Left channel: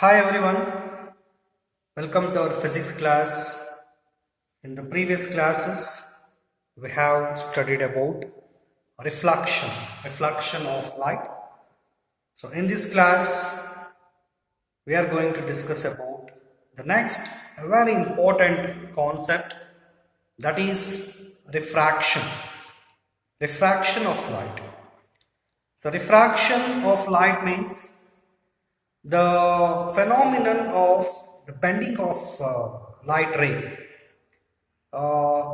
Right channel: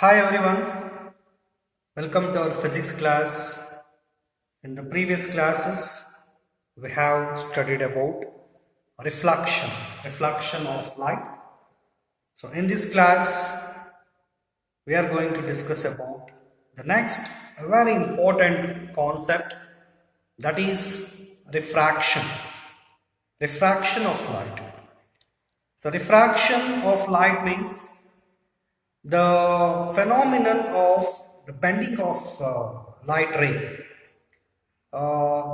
Hi everyone, welcome to our physics class. In the previous classes, we have studied about reflection of light. So in this class, we are going to discuss about the next a very important concept, that is refraction of light. So refraction of light means the phenomenon of the bending of light ray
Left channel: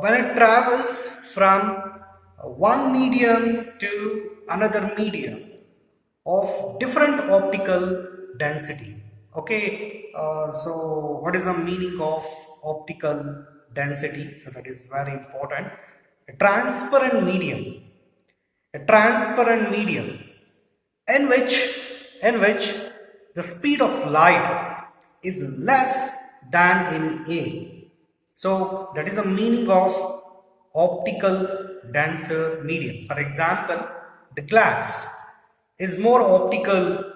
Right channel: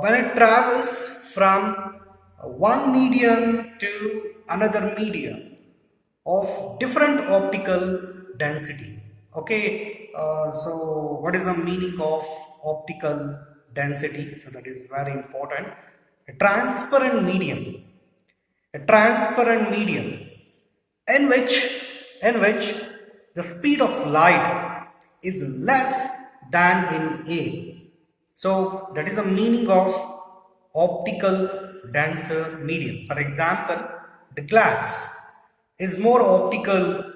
when it travels from one medium to another medium of different optical density. Okay, so what is the meaning of optical density? So that is very important. A transparent medium, a transparent medium in which the speed of light is less than in air. So that is the meaning of optical denser medium. For example, the glass is more optical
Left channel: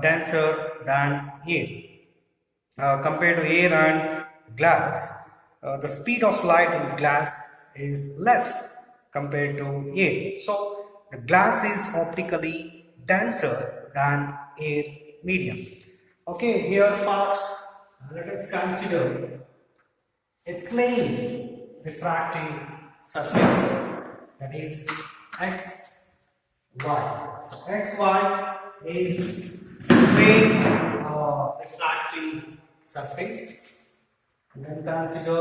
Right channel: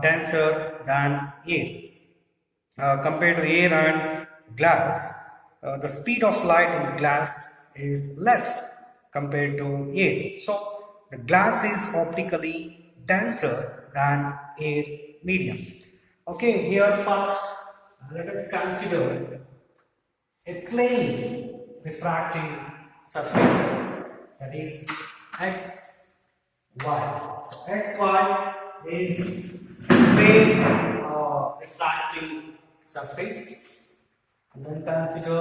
denser than air. Compared to air and glass, the speed of light in glass is less compared to air. So the glass is optically denser than air medium. Okay, here first let us consider a plane refracting surface, that is x, y. So x, y is plane refracting surface, and then consider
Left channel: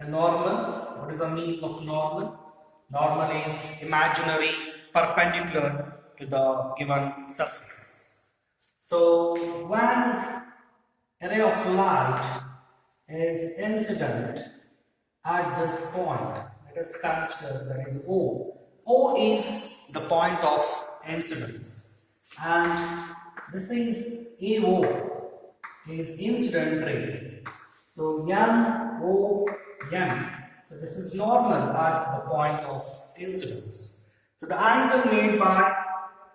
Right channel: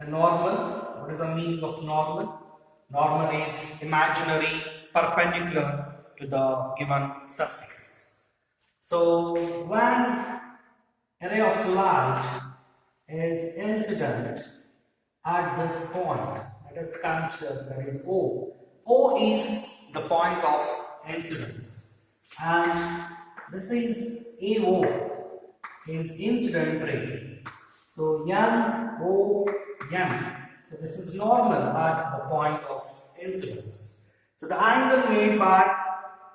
a normal. What is the meaning of normal? Normal is imaginary perpendicular to the given surface. So when a ray of light is incident at this point, let us consider that is O. O is the point of incidence, and this is AO is incident ray. So NOM. So this is normal at the point of incidence. So the angle made by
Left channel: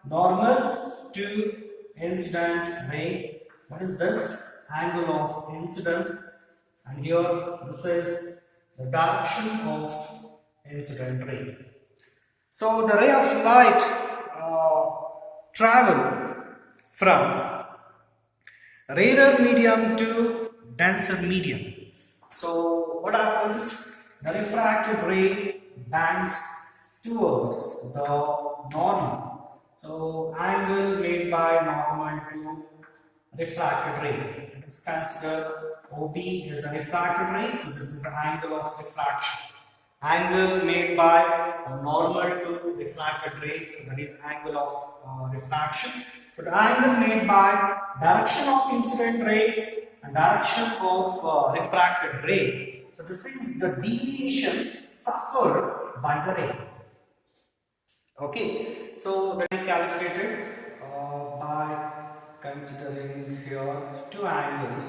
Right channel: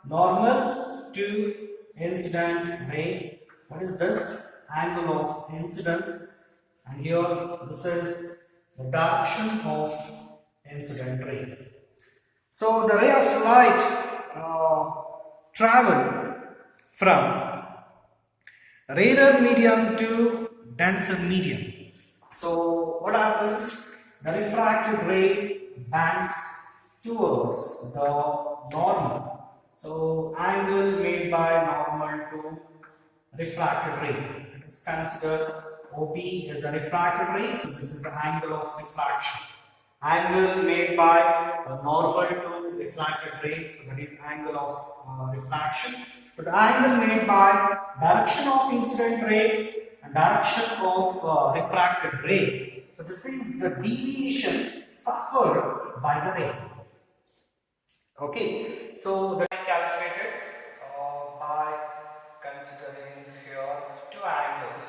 normal to incident ray. What is this? Angle of incidence. And here this is the direction of incident ray. So the ray of light travel from rarer medium to denser medium. So what happens? The refracted ray bends towards the normal. So angle made by normal to refracted ray. Let us consider OB is a refracted ray. So this is the angle of refraction. Angle made by normal to refracted ray. So that is angle of refraction. So the angle made by direction of incident ray and direction of refracted ray. So this is the deviation suffered by the ray. Okay, so that is calculated by considering here two angles.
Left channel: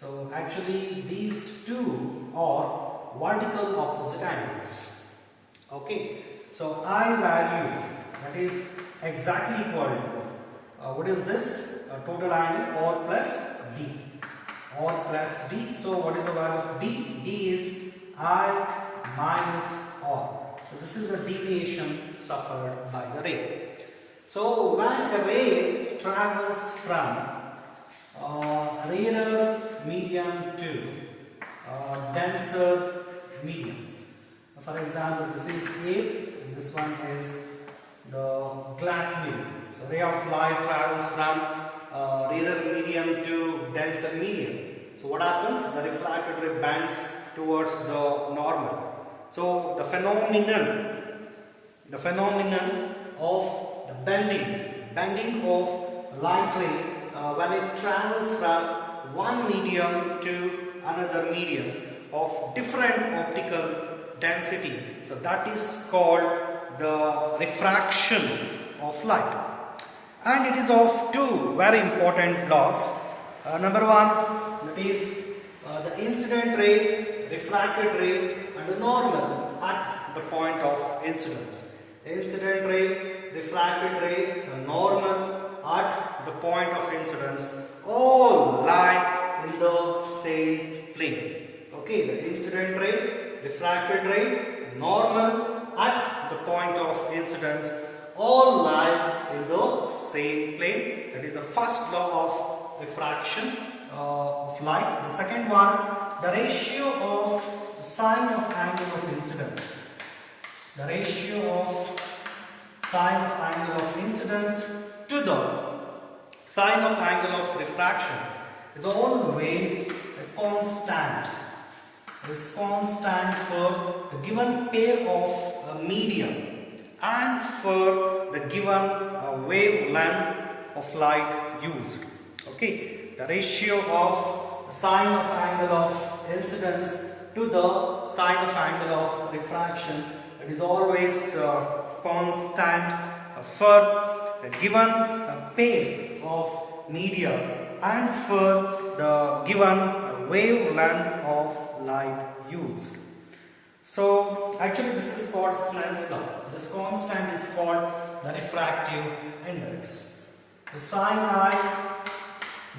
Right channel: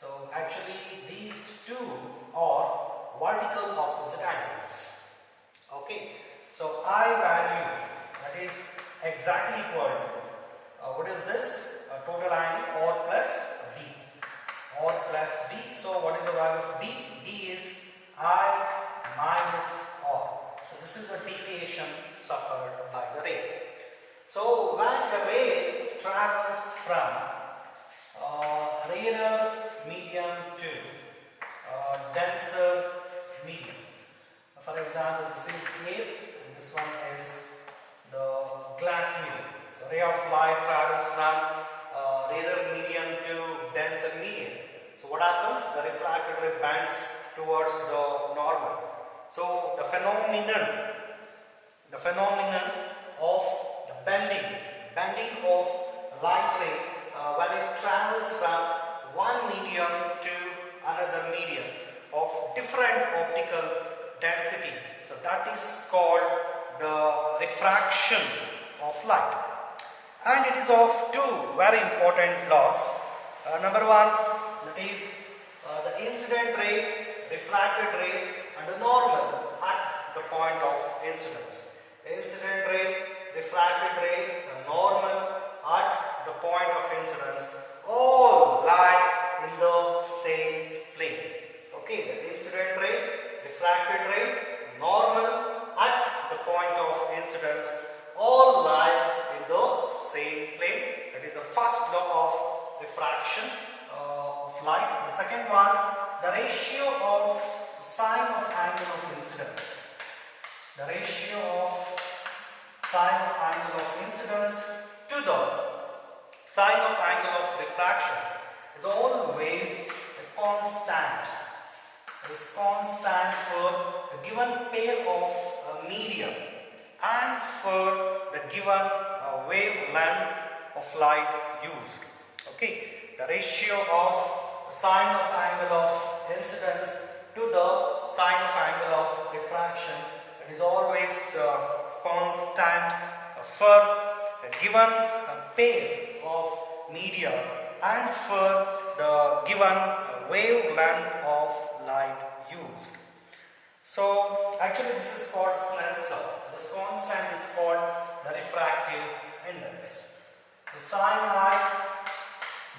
So actually these two are vertical opposite angles. Okay, so I value, that is exactly equal to what is this? Total angle or plus D. Or plus D. So what is the value of D? D is I minus R. So this is the deviation suffered by the ray. So when a ray travels from rarer medium to denser medium. For example, this is air and this one is the glass medium. So ray of light travels from rarer medium to denser medium. So what happens? The refracted ray bends towards the normal. So the phenomenon of the bending of light ray when it travels from one medium to another medium of different optical density. So that is called the refraction of light. And it is of two very important laws. Number one, that is the incident ray, refracted ray and the normal at the point of incidence. Incident ray, refracted ray and normal at point of incidence all lie in the same plane. Okay, the incident ray, refracted ray, normal at the point of incidence all lie in the same plane. That is the first law of refraction of light. The second one, the ratio of sine of angle of incidence. The ratio of sine of angle of incidence to the sine of angle of refraction is always a constant. It is constant for the given pair of medium and for the given wavelength of light used. Okay, the ratio of sine of angle of incidence to the sine of angle of refraction, it is always constant for a given pair of media and for the given wavelength of light used. So actually this is called Snell's law. This constant is called the refractive index. The sine I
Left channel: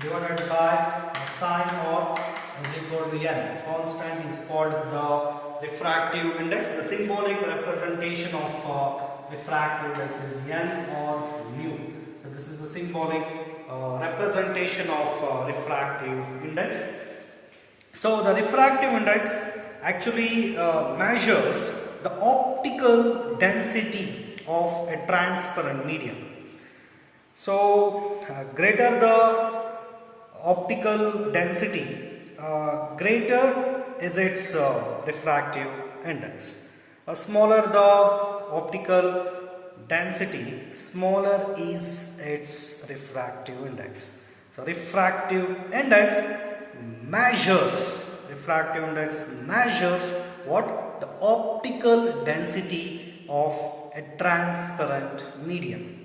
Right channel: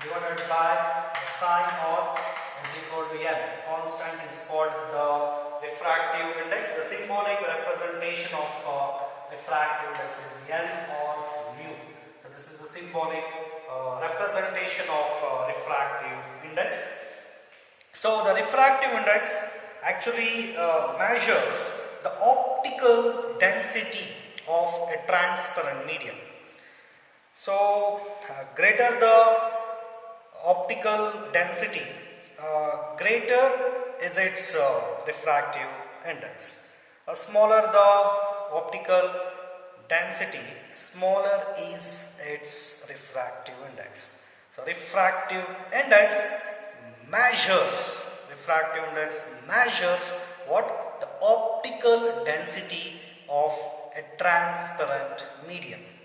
divided by the sine R is equal to n. Constant is called the refractive index. The symbolic representation of refractive index is n or mu. So this is the symbolic representation of refractive index. So the refractive index actually measures the optical density of a transparent medium. So greater the optical density, greater is its refractive index. Smaller the optical density, smaller is its refractive index. So refractive index measures what? The optical density of a transparent medium.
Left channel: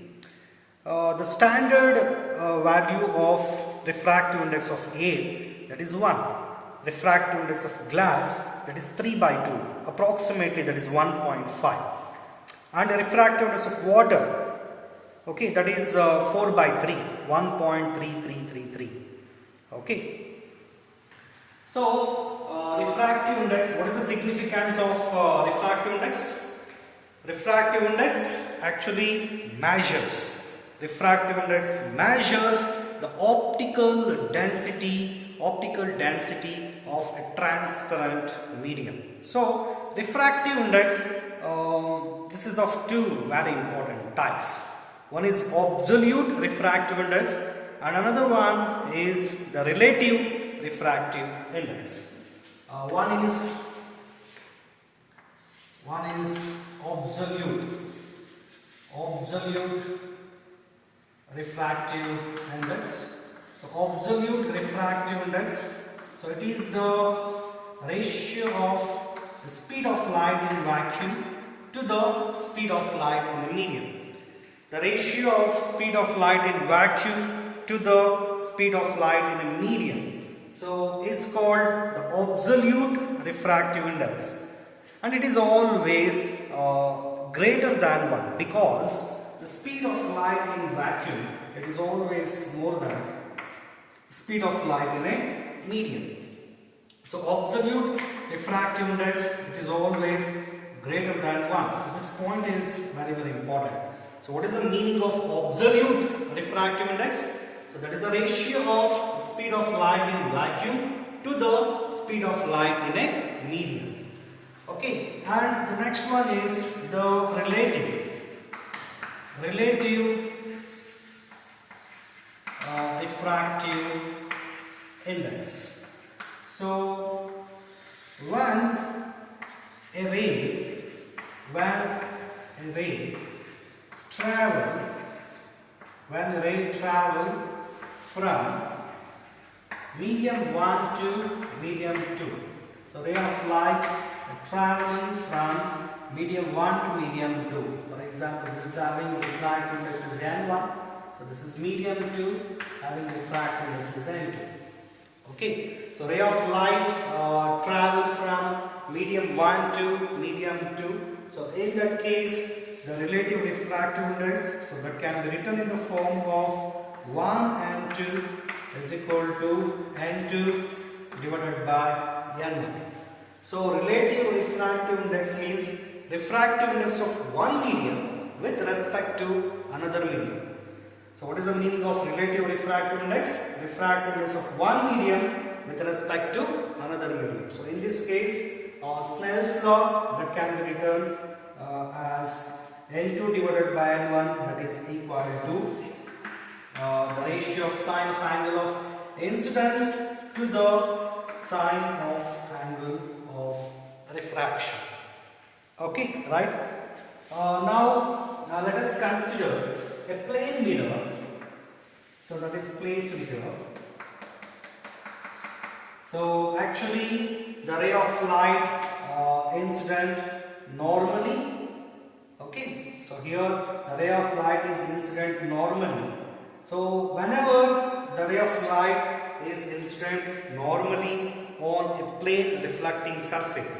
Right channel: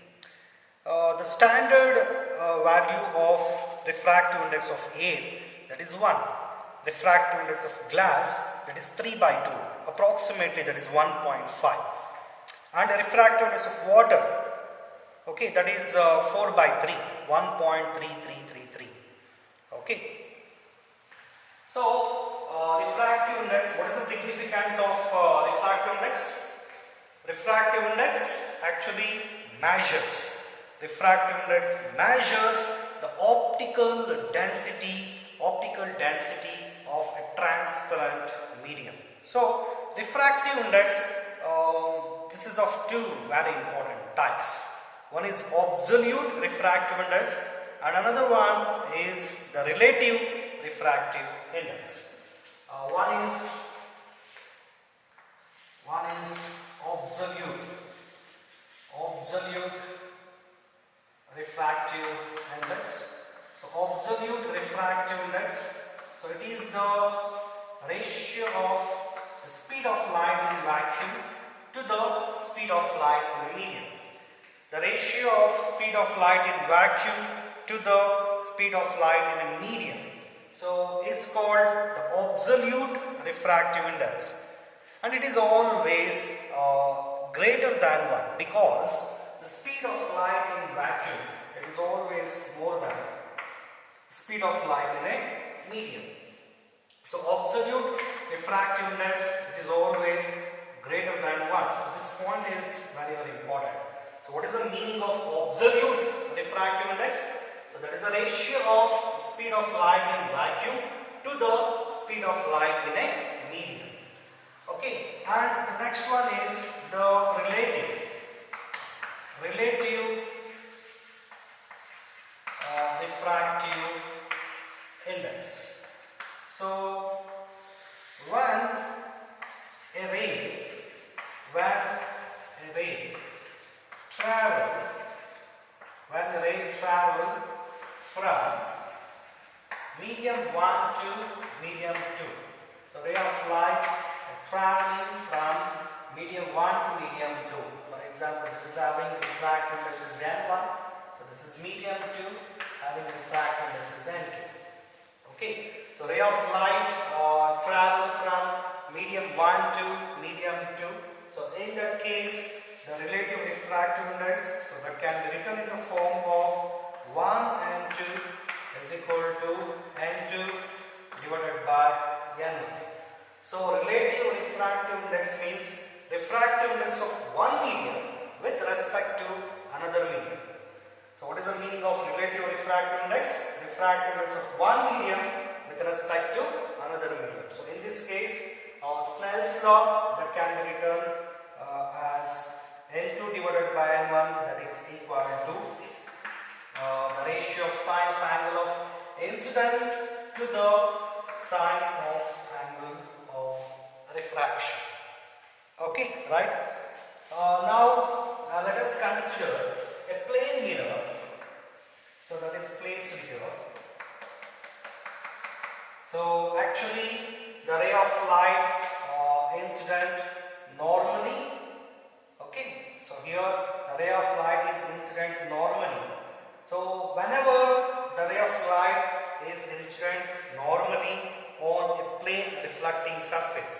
The standard value of refractive index of air, that is 1. Refractive index of glass, that is 3/2, approximately that is 1.5. And the refractive index of water, okay, that is 4/3, 1.3333. Okay. So refractive index, what is the significance of refractive index? Refractive index actually measures. Refractive index measures the optical density of a transparent medium. So refractive index, this is of two very important types. One is absolute refractive index and another one is the relative refractive index. One is absolute refractive index. So absolute refractive index, so it is the ratio of the speed of light in vacuum to the speed of light in a medium. The ratio of speed of light in vacuum to the speed of light in a medium, so is called the absolute refractive index, and it is always greater than 1 because the speed of light in vacuum, it is always more than speed of light in a medium. So absolute refractive index, it is always greater than 1. So this point is very important. So what is the meaning of absolute refractive index? So that is the ratio of the speed of light in vacuum to the speed of light in a medium. Okay, and the next one is the relative refractive index. So when a ray travel from medium 1 to medium 2. So ray of light traveling from medium 1 to medium 2. For example, this is having refractive index is N1. So this is medium 2 having refractive index is N2. Okay. So ray of light travel from medium 1 to medium 2. So in that case, the relative refractive index, so that can be written in the form of 1 n2 is equal to n2 divided by n1. So relative refractive index means refractive index of one medium with respect to another medium. So what is the meaning of relative refractive index? Refractive index of one medium with respect to another medium. So in this case, Snell's law that can be written as n2 divided by n1, that is equal to the ratio of sine of angle of incidence to the sine of angle of refraction. Okay, right? Now let us consider a plane mirror. So that is placed here. So actually the ray of light incident normally. Okay, so here the ray of light is incident normally. So whenever the ray of light is incident normally on a plane reflecting surface,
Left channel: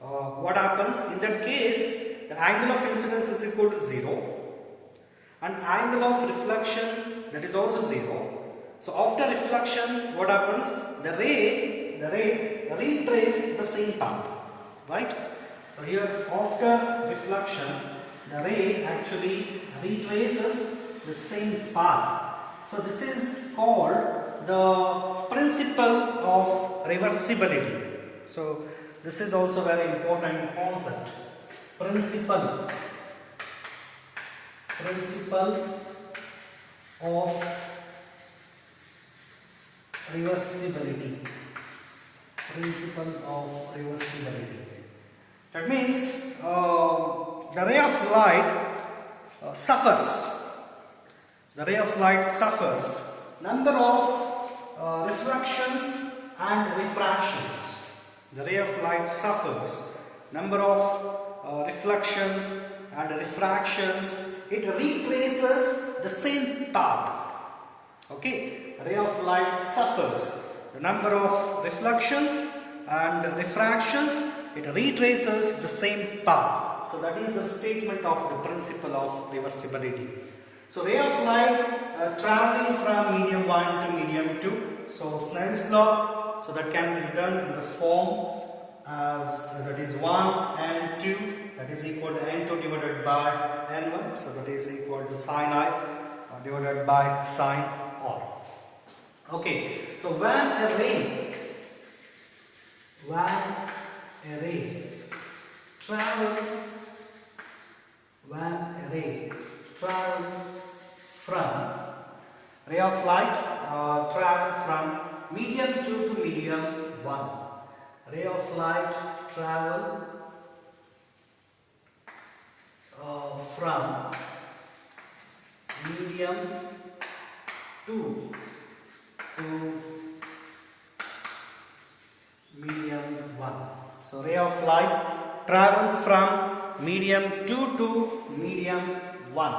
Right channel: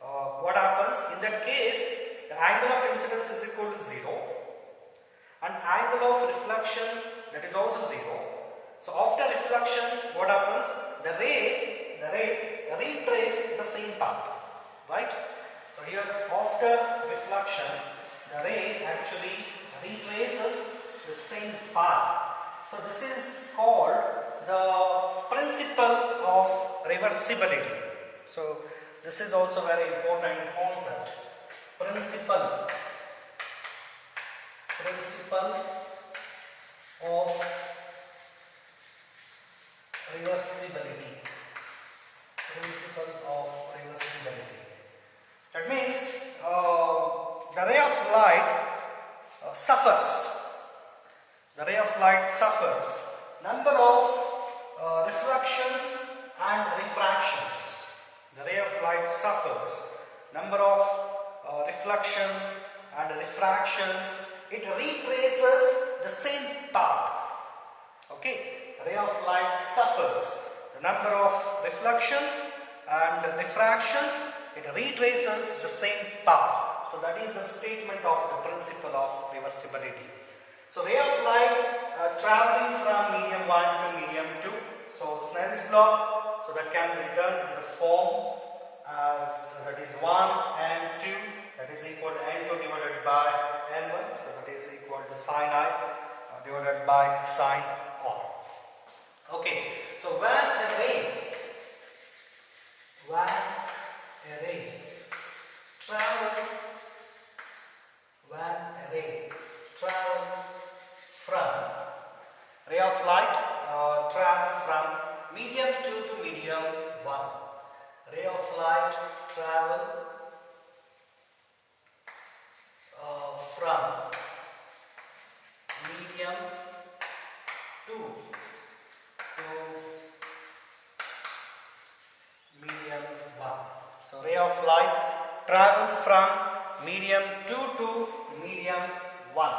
what happens? In that case, the angle of incidence is equal to 0 and angle of reflection, that is also 0. So after reflection, what happens? The ray retraces the same path, right? So here after reflection, the ray actually retraces the same path. So this is called the principle of reversibility. So this is also very important concept. Principle of reversibility. Principle of reversibility. That means the ray of light suffers. The ray of light suffers number of reflections and refractions. The ray of light suffers number of reflections and refractions. It retraces the same path. Okay, ray of light suffers the number of reflections and refractions. It retraces the same path. So that is the statement of the principle of reversibility. So ray of light traveling from medium 1 to medium 2. So Snell's law, so that can be written in the form as that is 1 and 2, that is equal to n2 divided by n1. So that is equal to sine I divided by sine R. Okay, so when a ray travel from ray of light travel from medium 2 to medium 1. Ray of light travel from medium 2 to medium 1. So ray of light travel from medium 2 to medium 1.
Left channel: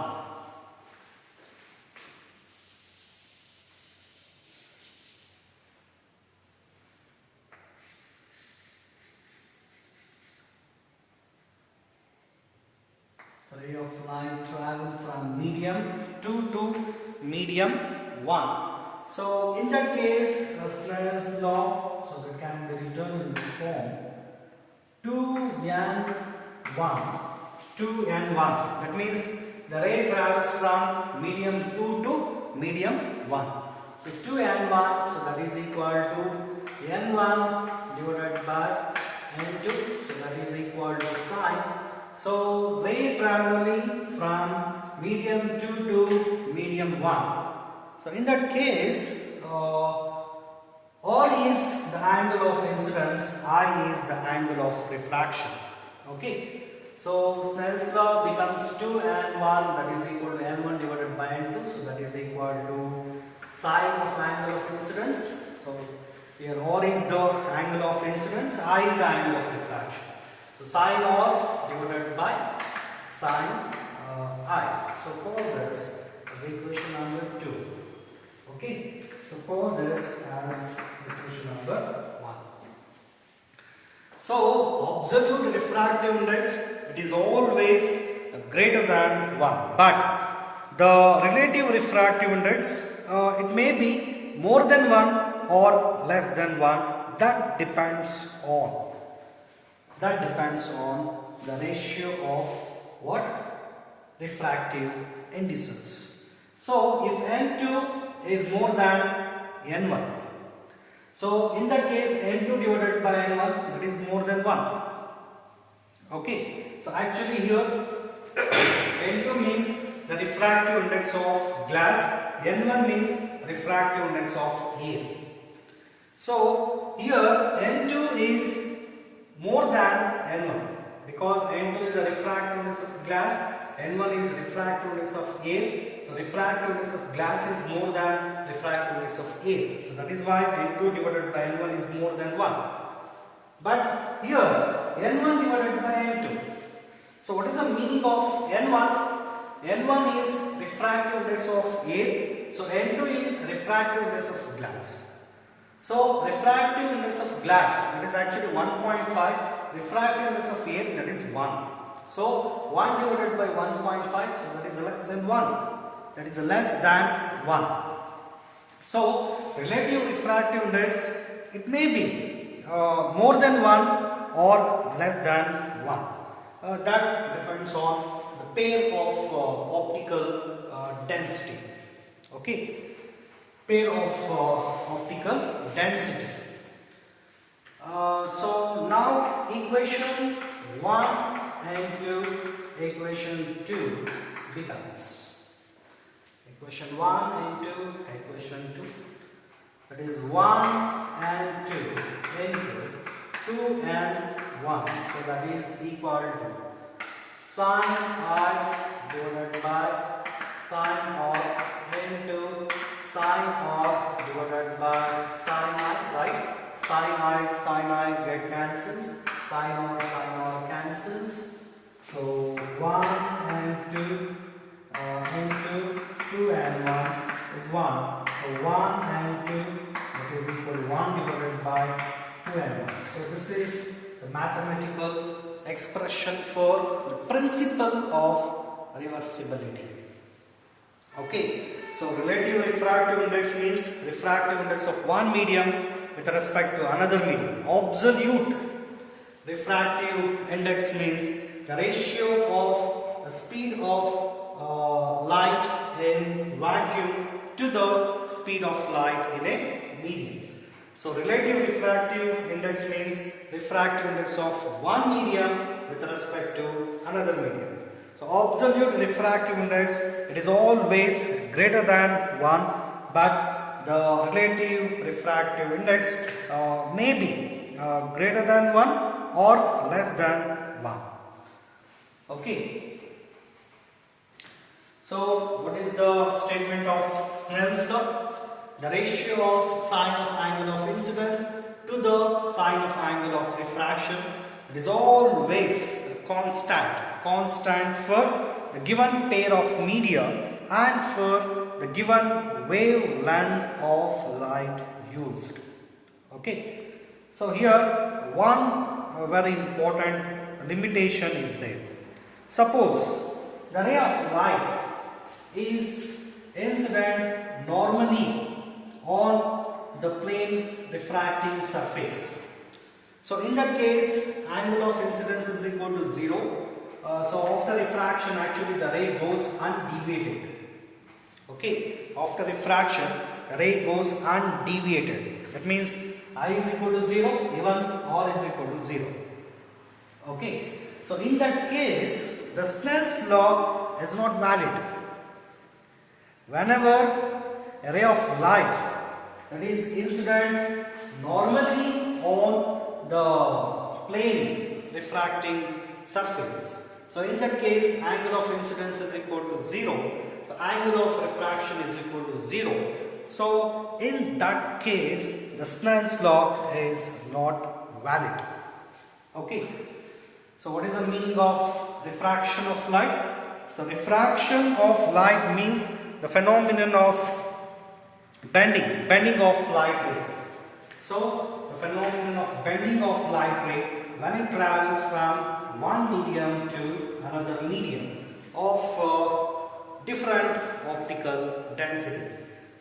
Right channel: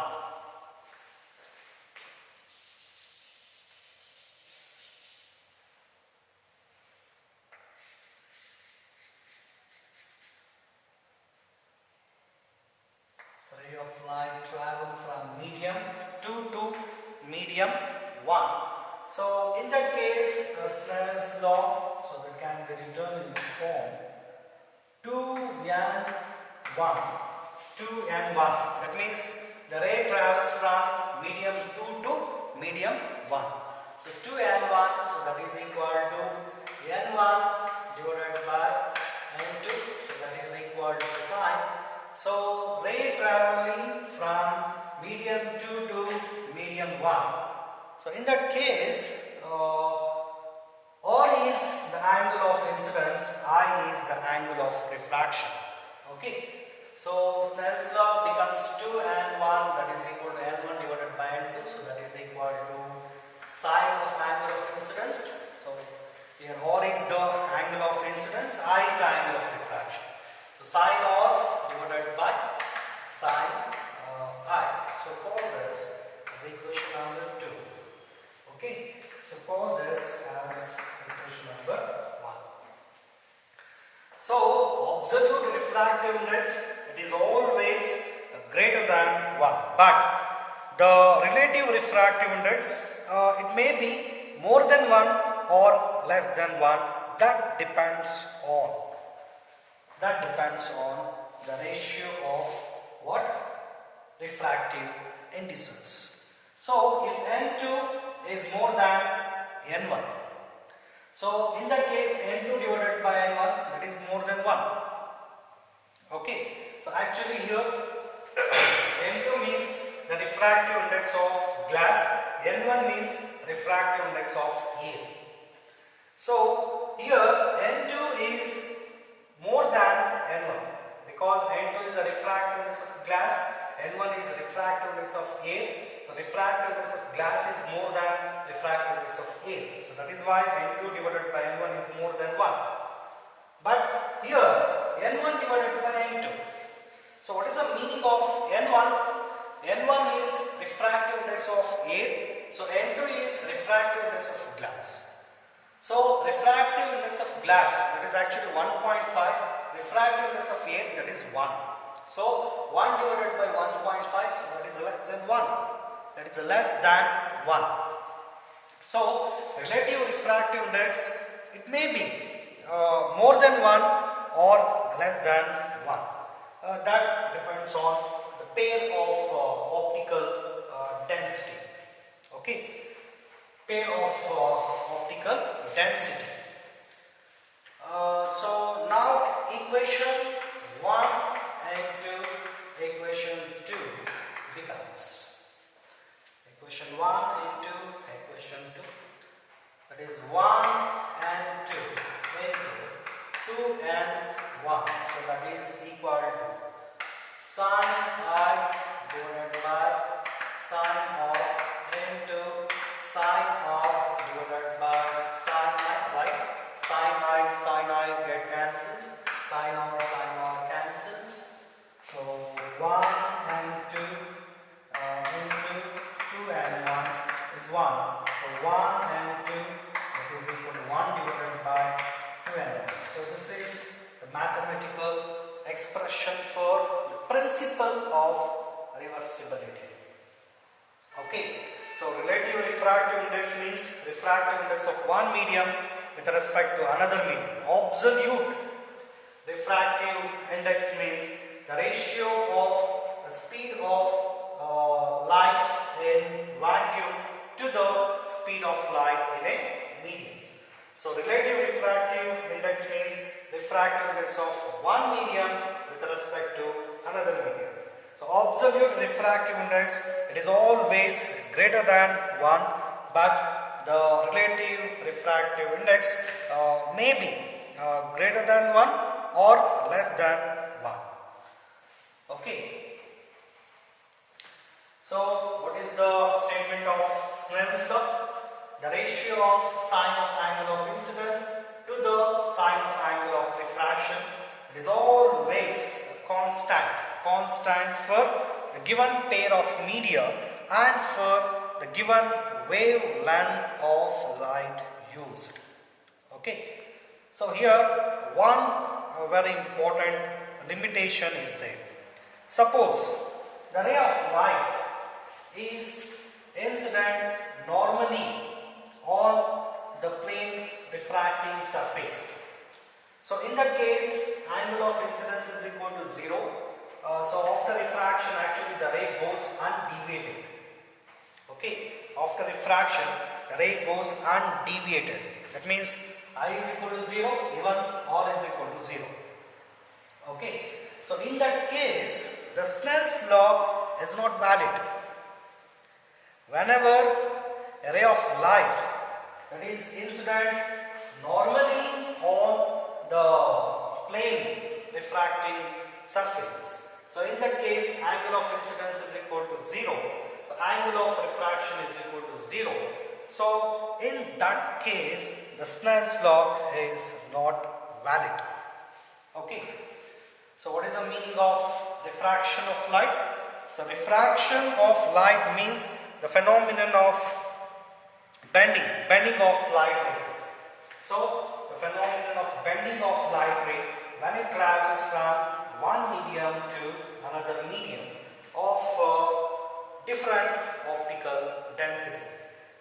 Ray of light travel from medium 2 to medium 1. So in that case, Snell's law, so that can be written in the form 2n1. That means the ray travels from medium 2 to medium 1. So 2n1, so that is equal to n1 divided by n2, so that is equal to sine. So ray traveling from medium 2 to medium 1. So in that case, R is the angle of incidence, I is the angle of refraction. Okay. So Snell's law becomes 2n1, that is equal to n1 divided by n2. So that is equal to sine of angle of incidence. So here R is the angle of incidence, I is the angle of refraction. So sine R divided by sine I. So call this as equation number 2. Okay. So call this as equation number 1. So absolute refractive index, it is always greater than 1. But the relative refractive index, it may be more than 1 or less than 1. That depends on the ratio of what? Refractive indices. So if N2 is more than N1, so in that case N2 divided by N1, that is more than 1. Okay, so actually here N2 means the refractive index of glass, N1 means refractive index of air. So here N2 is more than N1 because N2 is the refractive index of glass, N1 is refractive index of air. So refractive index of glass is more than refractive index of air. So that is why N2 divided by N1 is more than 1. But here N1 divided by N2. So what is the meaning of N1? N1 is refractive index of air. So N2 is refractive index of glass. So refractive index of glass, that is actually 1.5. Refractive index of air, that is 1. So 1 divided by 1.5, so that is less than 1. That is less than 1. So relative refractive index, it may be more than 1 or less than 1. That depends on the pair of optical density. Okay, pair of optical density. So now equation 1 and 2, equation 2 becomes equation 1 and 2, equation 2. That is 1 and 2 into 2 and 1. So that is equal to sine I divided by sine of into sine of divided by sine I, right? Sine I get cancels, sine or cancels. So 1 and 2 into 2 and 1 is 1. So 1 and 2, that is equal to 1 divided by 2 and 1. So this is the mathematical expression for the principle of reversibility. Okay, so relative refractive index means refractive index of one medium with respect to another medium. Absolute refractive index means the ratio of the speed of light in vacuum to the speed of light in a medium. So relative refractive index means refractive index of one medium with respect to another medium. So absolute refractive index, it is always greater than 1, but the relative refractive index may be greater than 1 or less than 1. Okay. So what is the statement of Snell's law? The ratio of sine of angle of incidence to the sine of angle of refraction, it is always constant for the given pair of media and for the given wavelength of light used. Okay, so here one very important limitation is there. Suppose the ray of light is incident normally on the plane refracting surface. So in that case, angle of incidence is equal to 0. So after refraction, actually the ray goes undeviated. Okay, after refraction, the ray goes undeviated. That means I is equal to 0, even R is equal to 0. Okay, so in that case, the Snell's law is not valid. Whenever a ray of light that is incident normally on the plane refracting surface. So in that case, angle of incidence is equal to 0. The angle of refraction is equal to 0. So in that case, the Snell's law is not valid. Okay. So what is the meaning of refraction of light? So refraction of light means the phenomenon of bending of light ray. So the phenomenon of bending of light ray when it travels from one medium to another medium of different optical density.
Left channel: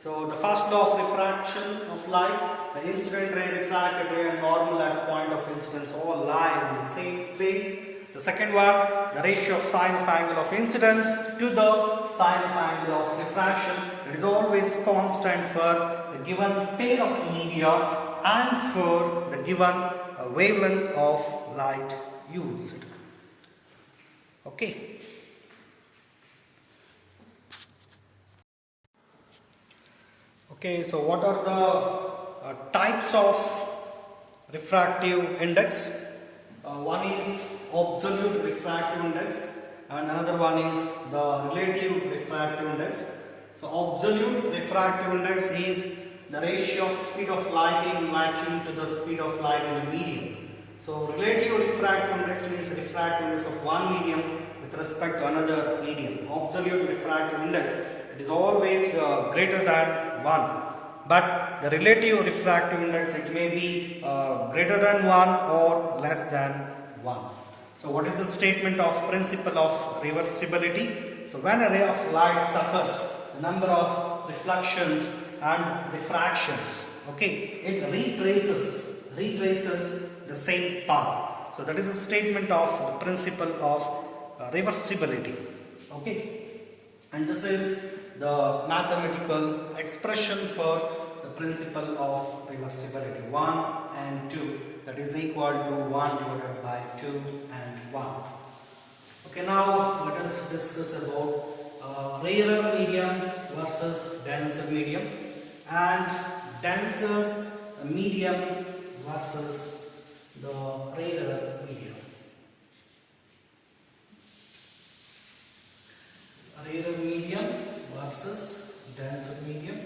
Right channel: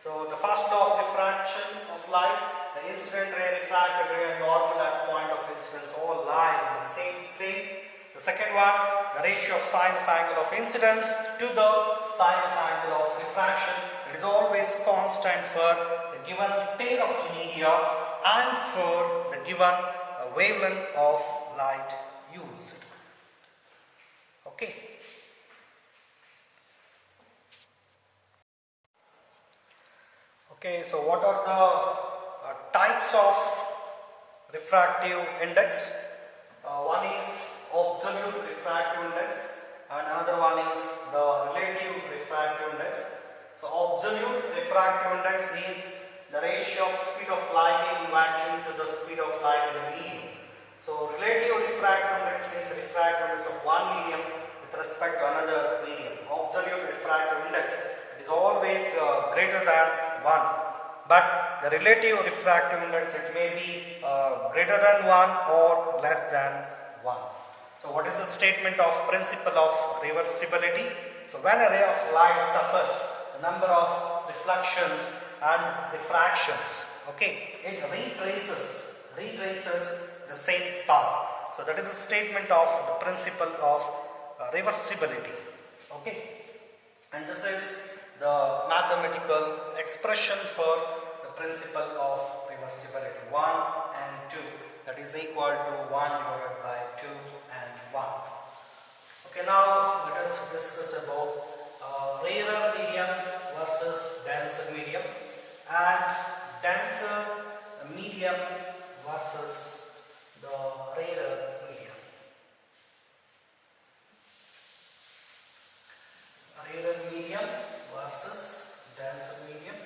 So the first law of refraction of light, the incident ray, refracted ray and normal at point of incidence all lie in the same plane. The second one, the ratio of sine of angle of incidence to the sine of angle of refraction, it is always constant for the given pair of media and for the given wavelength of light used. Okay. Okay, so what are the types of refractive index? One is absolute refractive index and another one is the relative refractive index. So absolute refractive index is the ratio of speed of light in vacuum to the speed of light in the medium. So relative refractive index means refractive index of one medium with respect to another medium. Absolute refractive index, it is always greater than 1. But the relative refractive index, it may be greater than 1 or less than 1. So what is the statement of principle of reversibility? So when a ray of light suffers the number of reflections and refractions, okay, it retraces the same path. So that is a statement of the principle of reversibility. Okay, and this is the mathematical expression for the principle of reversibility. 1 and 2, that is equal to 1 divided by 2 and 1. Okay, now let us discuss about rarer medium versus denser medium and denser medium versus the rarer medium. Rarer medium versus denser medium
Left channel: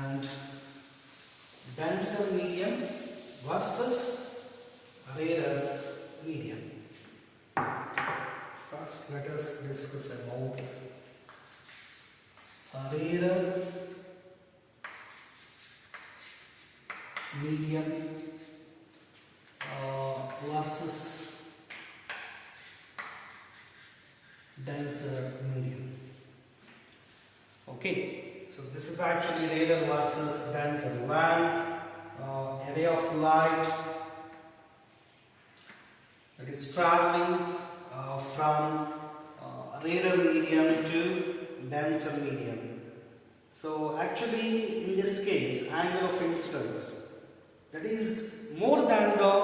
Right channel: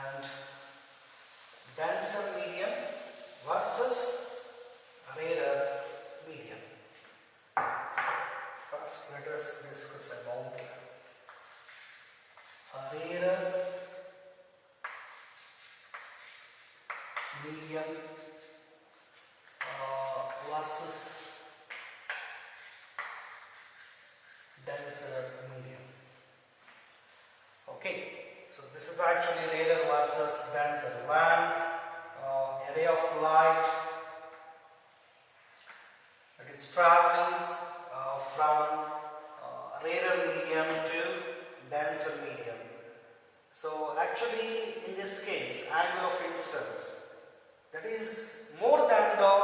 and denser medium versus rarer medium. First, let us discuss about rarer medium versus denser medium. Okay, so this is actually rarer versus denser. When a ray of light that is traveling from rarer medium to denser medium. So actually in this case, angle of incidence, that is more than the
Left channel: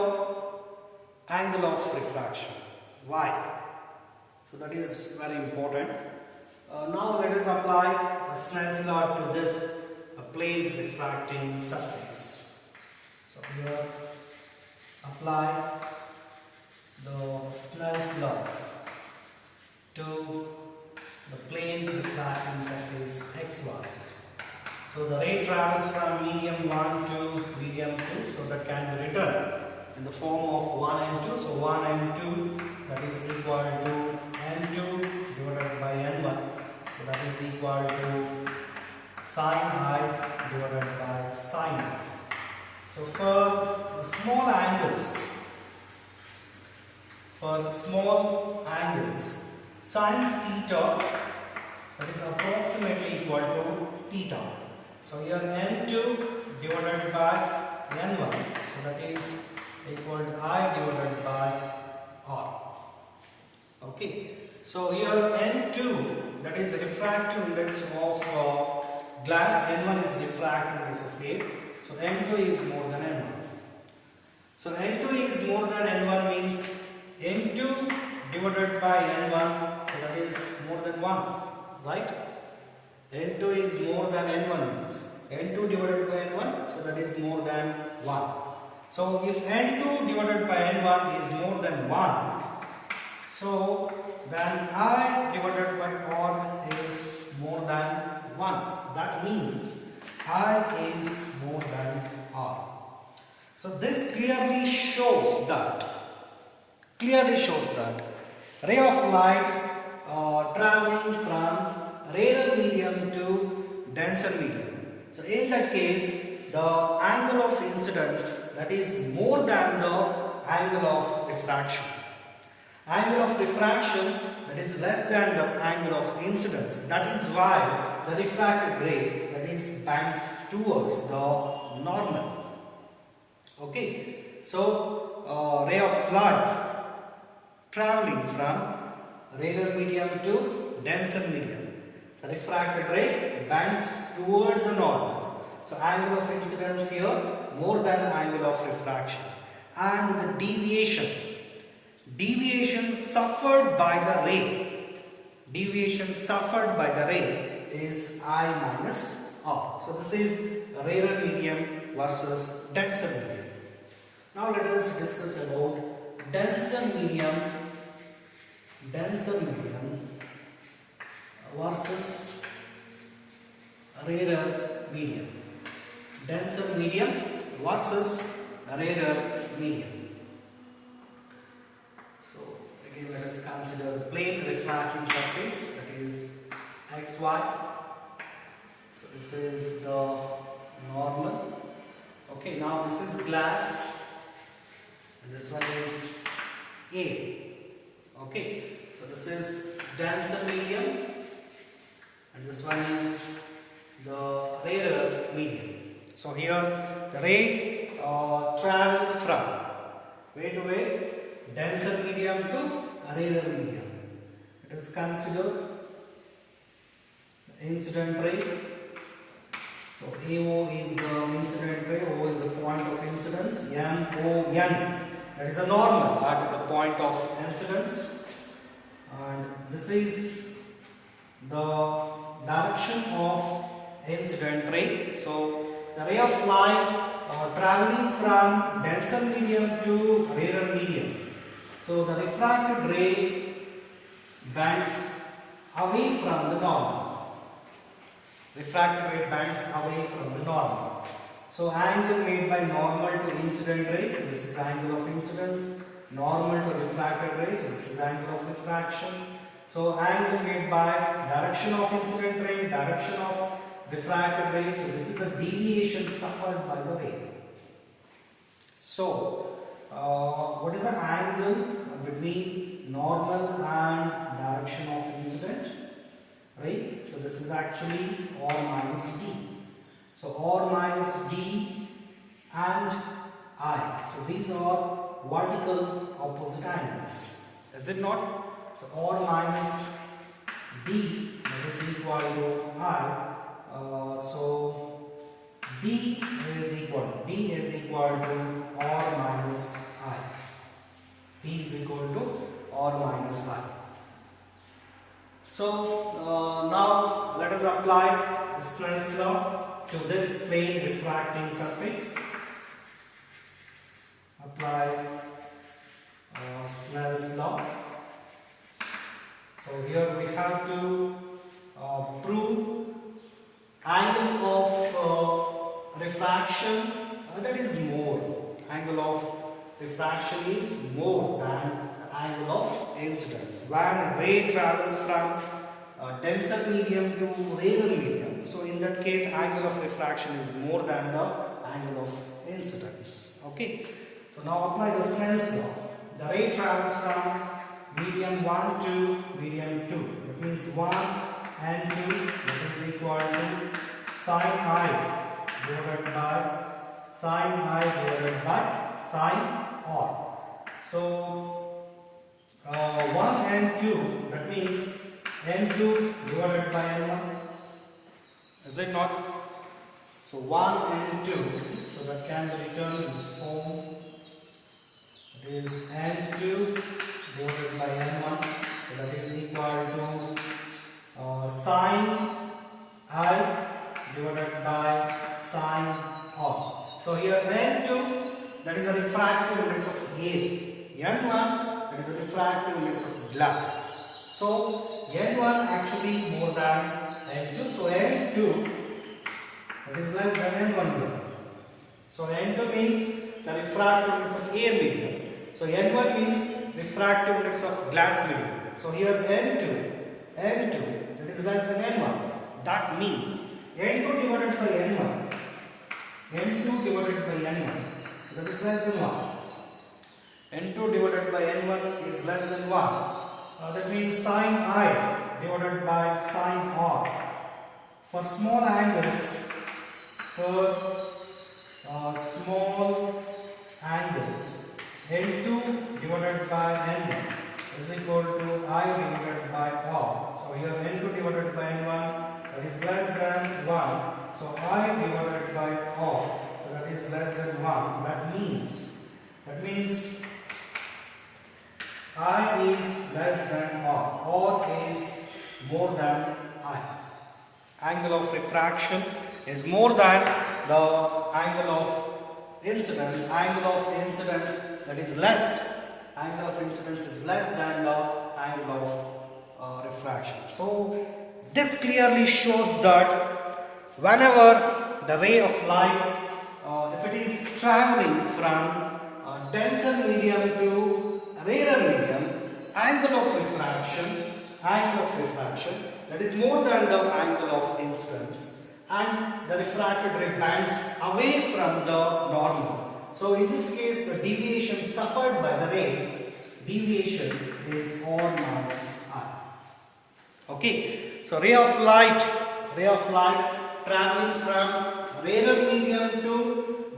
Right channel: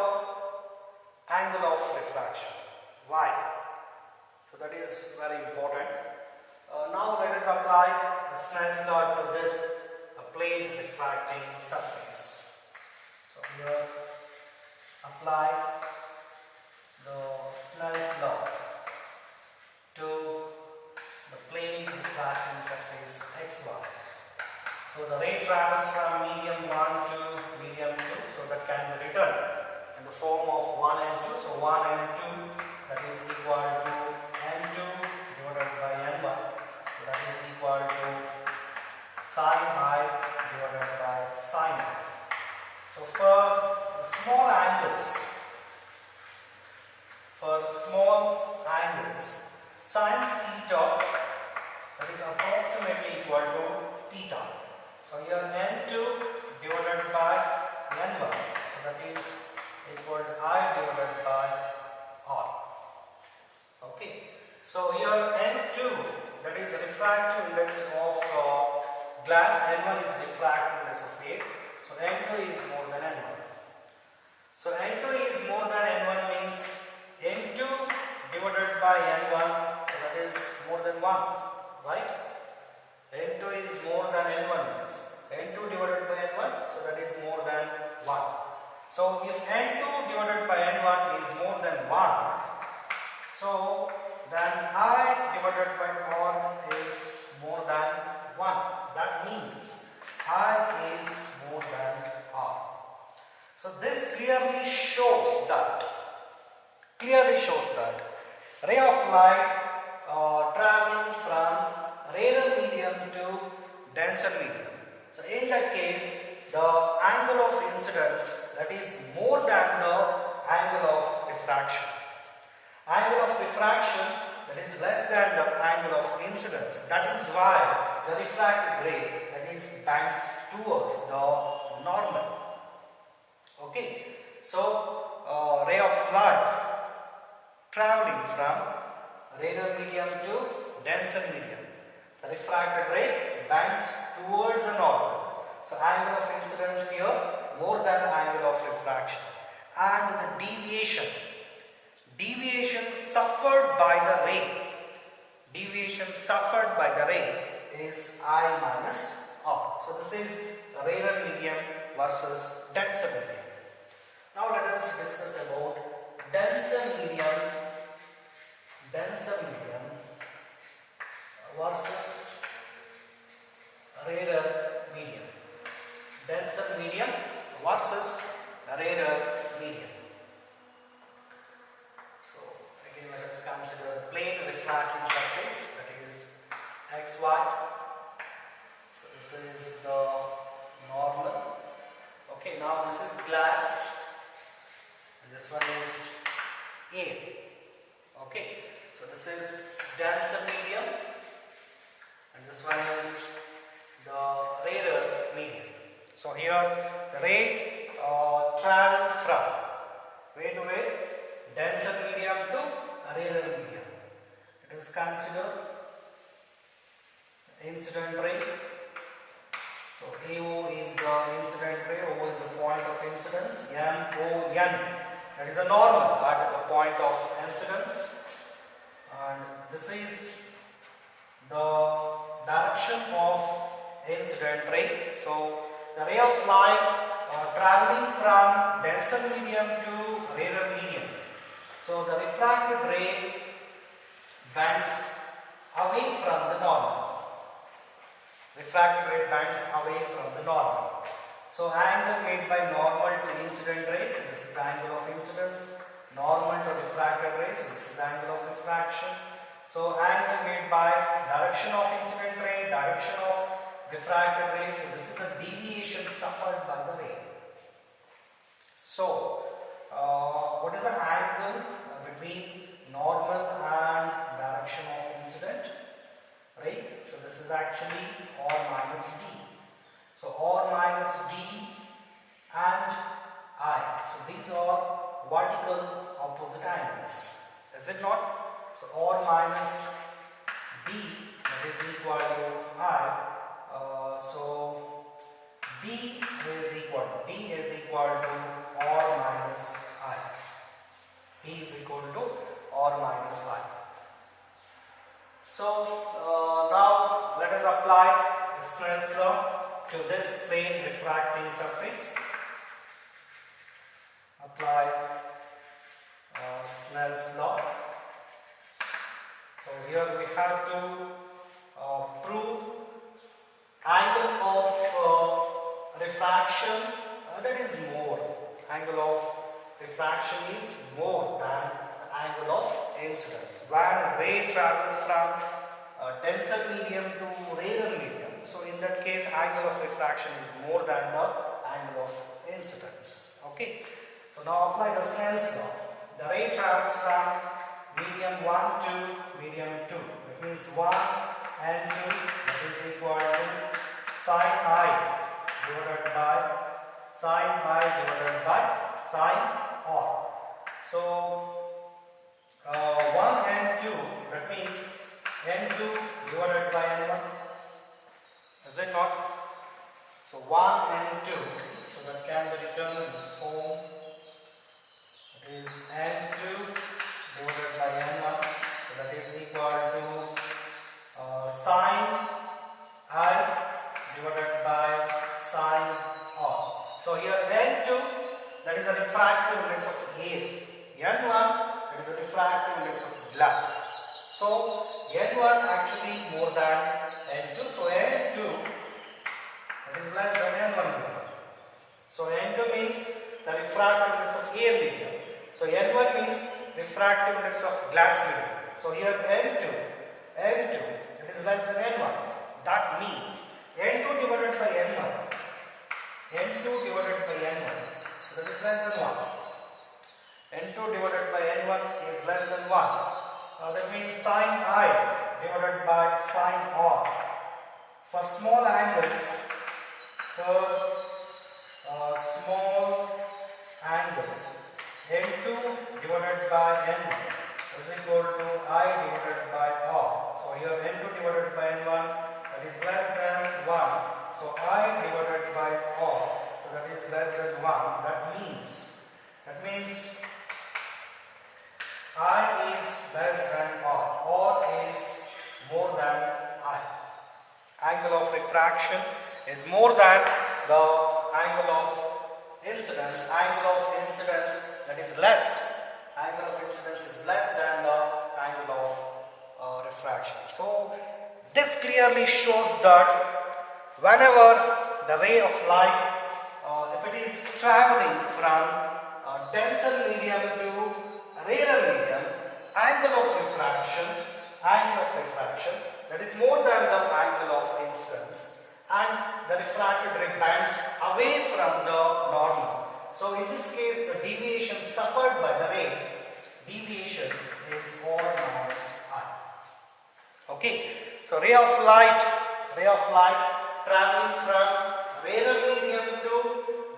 angle of refraction. Why? So that is very important. Now let us apply the Snell's law to this plane refracting surface. So here apply the Snell's law to the plane refracting surface xy. So the ray travels from medium 1 to medium 2, so that can be written in the form of 1 and 2. So 1 and 2, that is equal to n2 divided by n1. So that is equal to sine I divided by sine I. So for small angles, sine theta, that is approximately equal to theta. So here n2 divided by n1, so that is equal to I divided by R. Okay, so here n2, that is refractive index of glass, n1 is refractive index of air, so n2 is more than n1. So n2 is more than n1 means n2 divided by n1, so that is more than 1, right? n2 is more than n1 means n2 divided by n1, so that is more than 1. So if n2 divided by n1 is more than 1, so then I divided by R is more than 1. That means I is more than R. So this clearly shows that ray of light traveling from rarer medium to denser medium. So in that case, the angle of incidence, that is more than the angle of refraction. Angle of refraction, that is less than the angle of incidence. That is why the refracted ray, that is, bends towards the normal. Okay, so ray of light traveling from rarer medium to denser medium. The refracted ray bends towards the normal. So angle of incidence here more than angle of refraction. And the deviation suffered by the ray, is I minus R. So this is rarer medium versus denser medium. Now let us discuss about denser medium versus rarer medium. Denser medium versus rarer medium. So again let us consider the plane refracting surface, that is xy. So this is the normal. Okay, now this is glass and this one is air. Okay, so this is denser medium and this one is the rarer medium. So here the ray traveled from where to where? Denser medium to rarer medium. Let us consider the incident ray. So AO is the incident ray, O is the point of incidence, NON, that is a normal at the point of incidence, and this is the direction of incident ray. So the ray of light traveling from denser medium to rarer medium. So the refracted ray bends away from the normal. Refracted ray bends away from the normal. So angle made by normal to incident rays, this is angle of incidence. Normal to refracted rays, this is angle of refraction. So angle made by direction of incident ray, direction of refracted ray, so this is a deviation suffered by the ray. So what is the angle between normal and direction of incident ray? So this is actually R minus D. So R minus D and I. So these are vertical opposite angles. Is it not? So R minus D, that is equal to I. So D is equal to R minus I. D is equal to R minus I. So now let us apply Snell's law to this plane refracting surface. Apply Snell's law. So here we have to prove angle of refraction that is more. Angle of refraction is more than the angle of incidence. When a ray travels from denser medium to rarer medium, so in that case angle of refraction is more than the angle of incidence. Okay, so now apply the Snell's law. The ray travels from medium 1 to medium 2. That means 1 and 2, that is equal to sine I divided by sine R. So 1 and 2, that means N2 divided by N1. Is it not? So 1 and 2, so that can be written in this form. It is N2 divided by N1, so that is equal to sine I divided by sine R. So here N2, that is the refractive index of air. N1, that is the refractive index of glass. So N1 actually more than N2. So N2, that is less than N1 here. So N2 means the refractive index of air medium. So N1 means refractive index of glass medium. So here N2, that is less than N1. That means N2 divided by N1, that is less than 1. n2 divided by n1 is less than 1. That means sine I divided by sine R. For small angles, n2 divided by n1 is equal to I divided by R. So here n2 divided by n1, that is less than 1. So I divided by R, so that is less than 1. That means I is less than R is more than I. Angle of refraction is more than the angle of incidence. Angle of incidence, that is less. Angle of incidence is less than the angle of refraction. So this clearly shows that whenever the ray of light, if it is traveling from denser medium to rarer medium, angle of refraction that is more than the angle of incidence, and the refracted ray bends away from the normal. So in this case, the deviation suffered by the ray, deviation is R minus I. Okay, so ray of light traveling from rarer medium to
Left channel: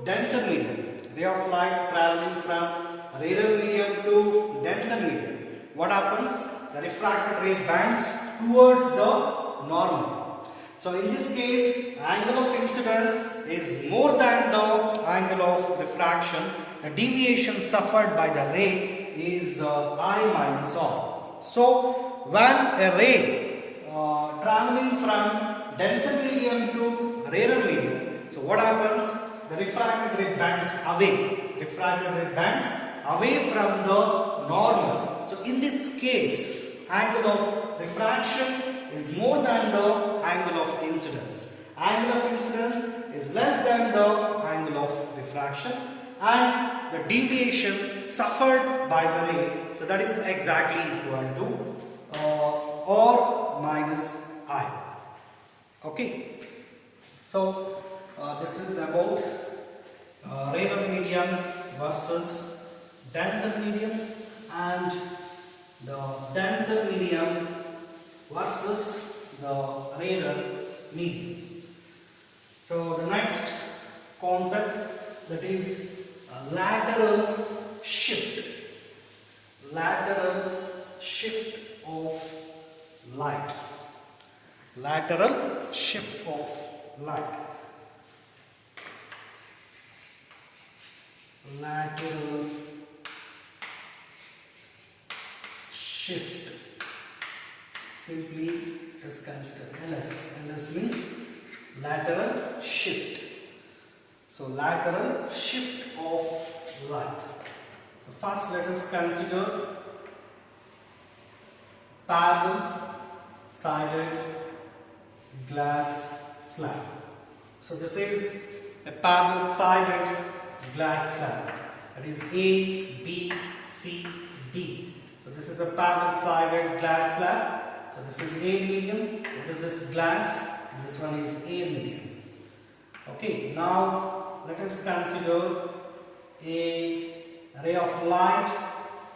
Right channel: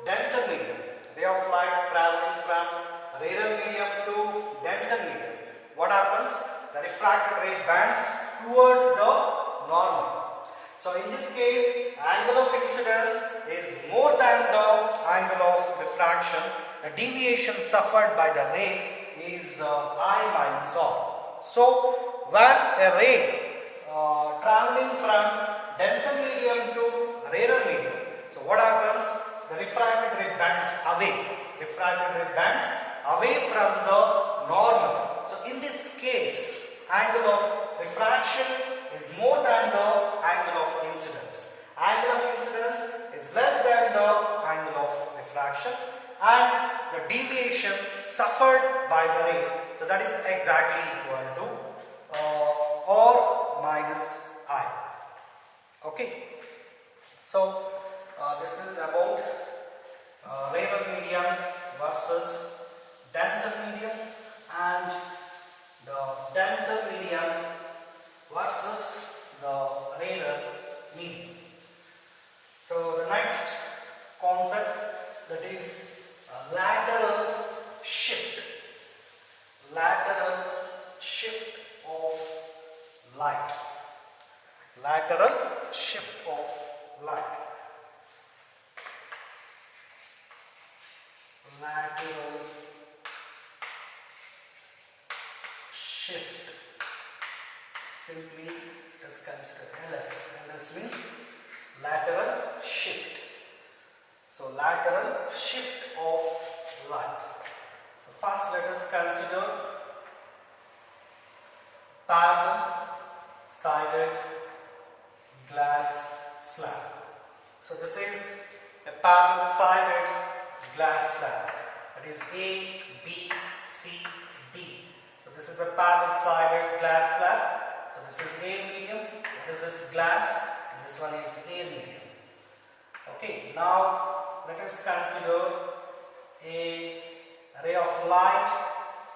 denser medium. Ray of light traveling from rarer medium to denser medium. What happens? The refracted ray bends towards the normal. So in this case, angle of incidence is more than the angle of refraction. The deviation suffered by the ray is I minus R. So when a ray traveling from denser medium to rarer medium, so what happens? The refracted ray bends away. Refracted ray bends away from the normal. So in this case, angle of refraction is more than the angle of incidence. Angle of incidence is less than the angle of refraction, and the deviation suffered by the ray, so that is exactly equal to R minus I. Okay, so this is about rarer medium versus denser medium, and the denser medium versus the rarer medium. So the next concept, that is lateral shift. Lateral shift of light. Lateral shift of light. Lateral shift. Simply just consider LS. LS means lateral shift. So lateral shift of light. So first let us consider parallel sided glass slab. So this is a parallel sided glass slab. That is A, B, C, D. So this is a parallel sided glass slab. So this is A medium. What is this glass? And this one is A medium. Okay, now let us consider a ray of light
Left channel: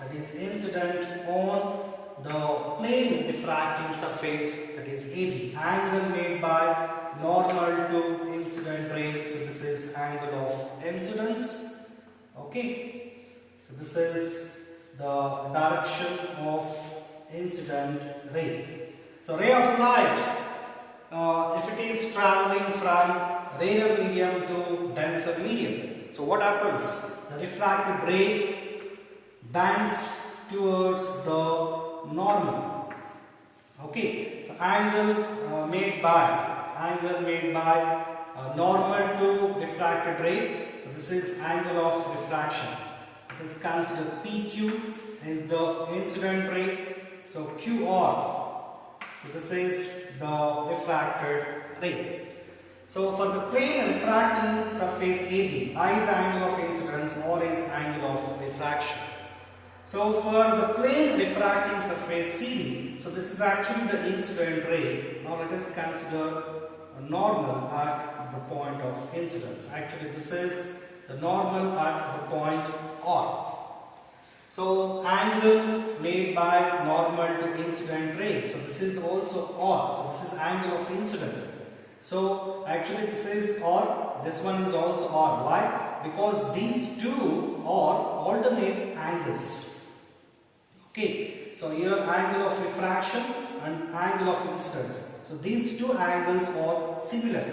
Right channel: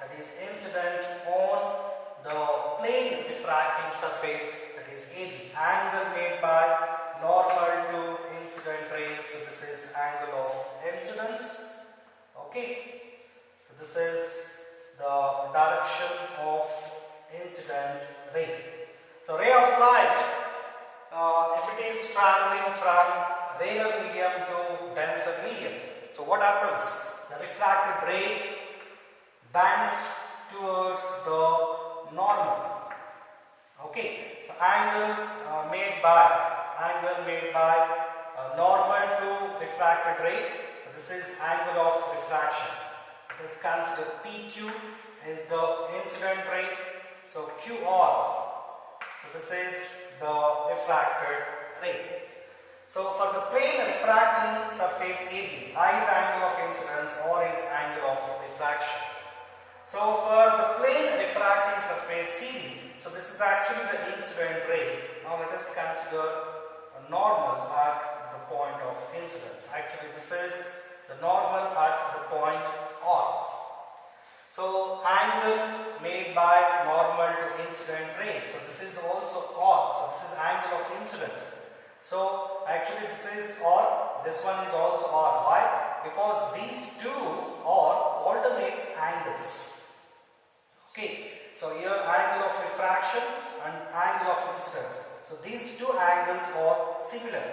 that is incident on the plane refracting surface, that is AB. Angle made by normal to incident ray. So this is angle of incidence. Okay, so this is the direction of incident ray. So ray of light, if it is traveling from rarer medium to denser medium, so what happens? The refracted ray bends towards the normal. Okay, so angle made by normal to refracted ray. So this is angle of refraction. It is considered PQ is the incident ray. So QR. So this is the refracted ray. So for the plane refracting surface AB, I is angle of incidence, R is angle of refraction. So for the plane refracting surface CD, so this is actually the incident ray. Now let us consider a normal at the point of incidence. Actually this is the normal at the point R. So angle made by normal to incident ray. So this is also R. So this is angle of incidence. So actually this is R. This one is also R. Why? Because these two are alternate angles. Okay. So here angle of refraction and angle of incidence. So these two angles are similar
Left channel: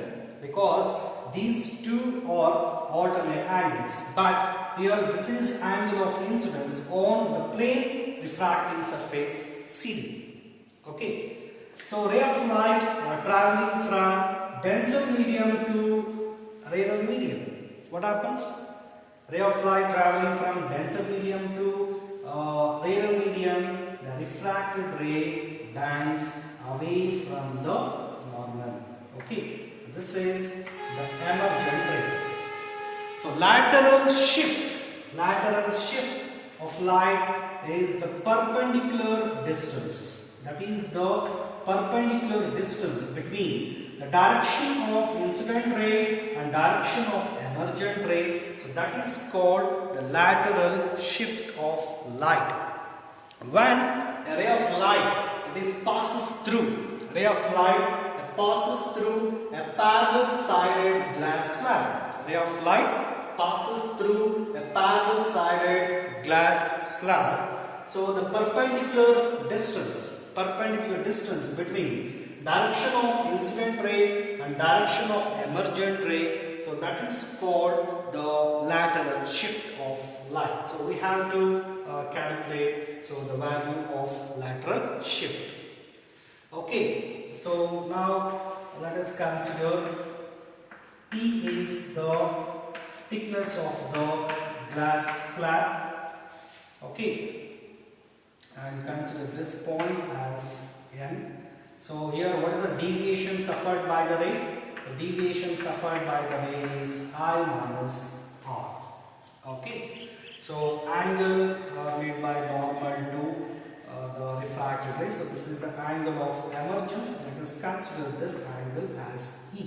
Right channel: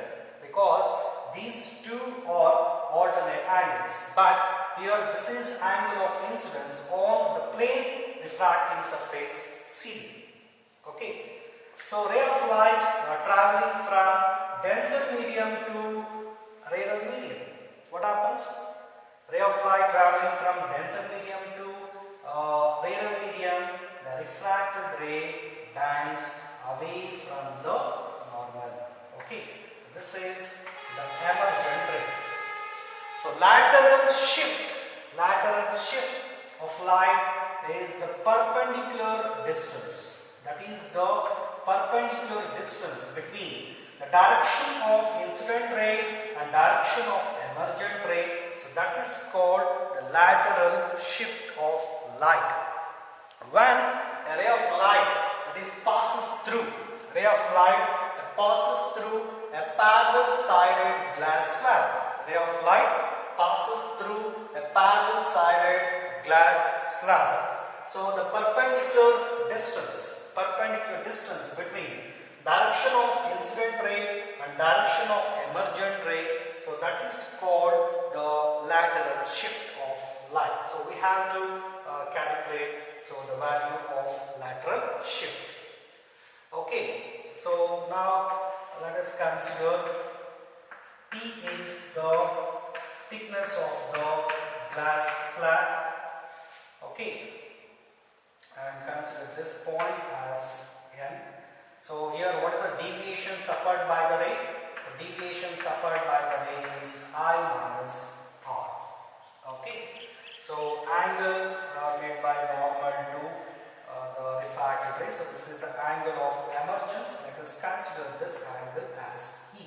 because these two are alternate angles. But here this is angle of incidence on the plane refracting surface CD. Okay. So ray of light traveling from denser medium to rarer medium. What happens? Ray of light traveling from denser medium to rarer medium, the refracted ray bends away from the normal. Okay. So this is the emergent ray. So lateral shift of light is the perpendicular distance. That is the perpendicular distance between the direction of incident ray and direction of emergent ray. So that is called the lateral shift of light. When a ray of light passes through a parallel sided glass slab. Ray of light passes through a parallel sided glass slab. So the perpendicular distance between direction of incident ray and direction of emergent ray, so that is called the lateral shift of light. So we have to calculate the value of lateral shift. Okay, so now let us consider P is the thickness of the glass slab. Okay, and consider this point as N. So here what is the deviation suffered by the ray? The deviation suffered by the ray is I minus R. Okay. So angle made by normal to the refracted ray. So this is the angle of emergence. Let us consider this angle as E.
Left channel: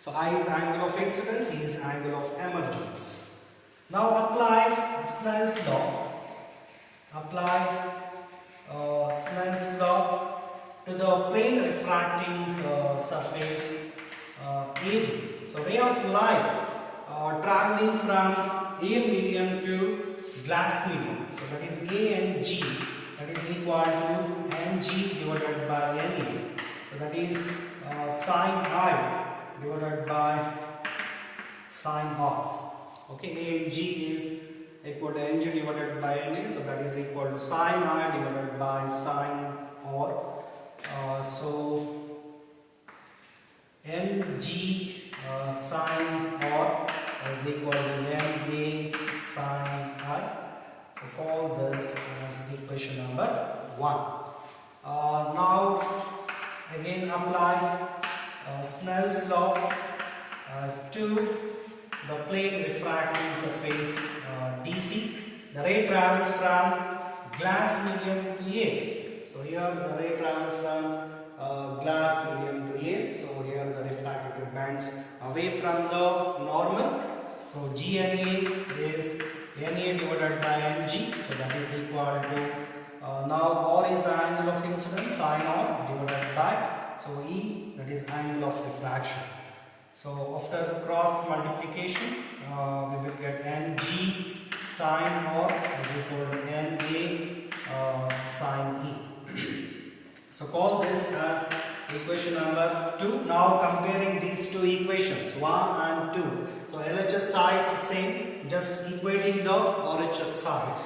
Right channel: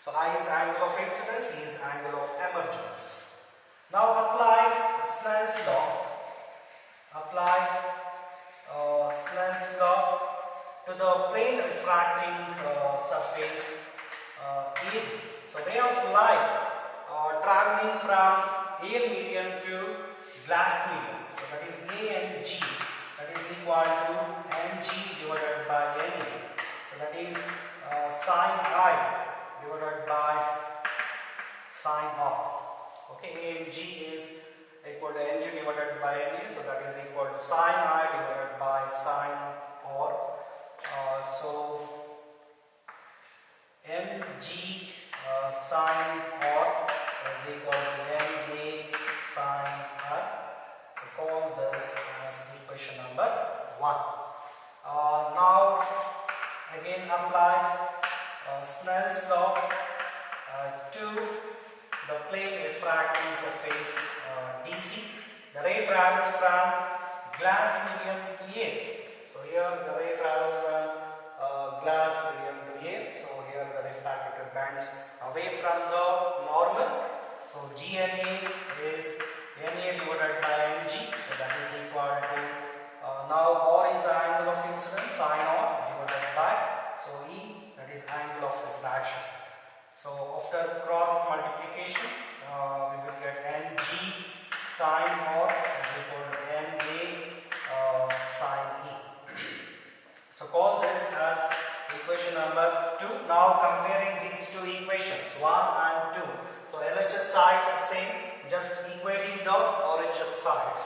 So I is angle of incidence, E is angle of emergence. Now apply Snell's law. Snell's law to the plane refracting surface AB. So ray of light traveling from A medium to glass medium. So that is A and G. That is equal to Ng divided by Na. So that is sine I divided by sine R. Okay, A and G is equal to Ng divided by Na. So that is equal to sine I divided by sine R. So Mg sine R is equal to Na sine I. So call this as equation number 1. Now again apply Snell's law to the plane refracting surface DC. The ray travels from glass medium to A. So here the ray travels from glass medium to A. So here the refracted bends away from the normal. So GNA is Na divided by Ng. So that is equal to now R is the angle of incidence, sine R divided by, so E, that is angle of refraction. So after cross multiplication we will get Ng sine R is equal to Na sine E. So call this as equation number 2. Now comparing these two equations 1 and 2. So LHS sides is same, just equating the RHS sides.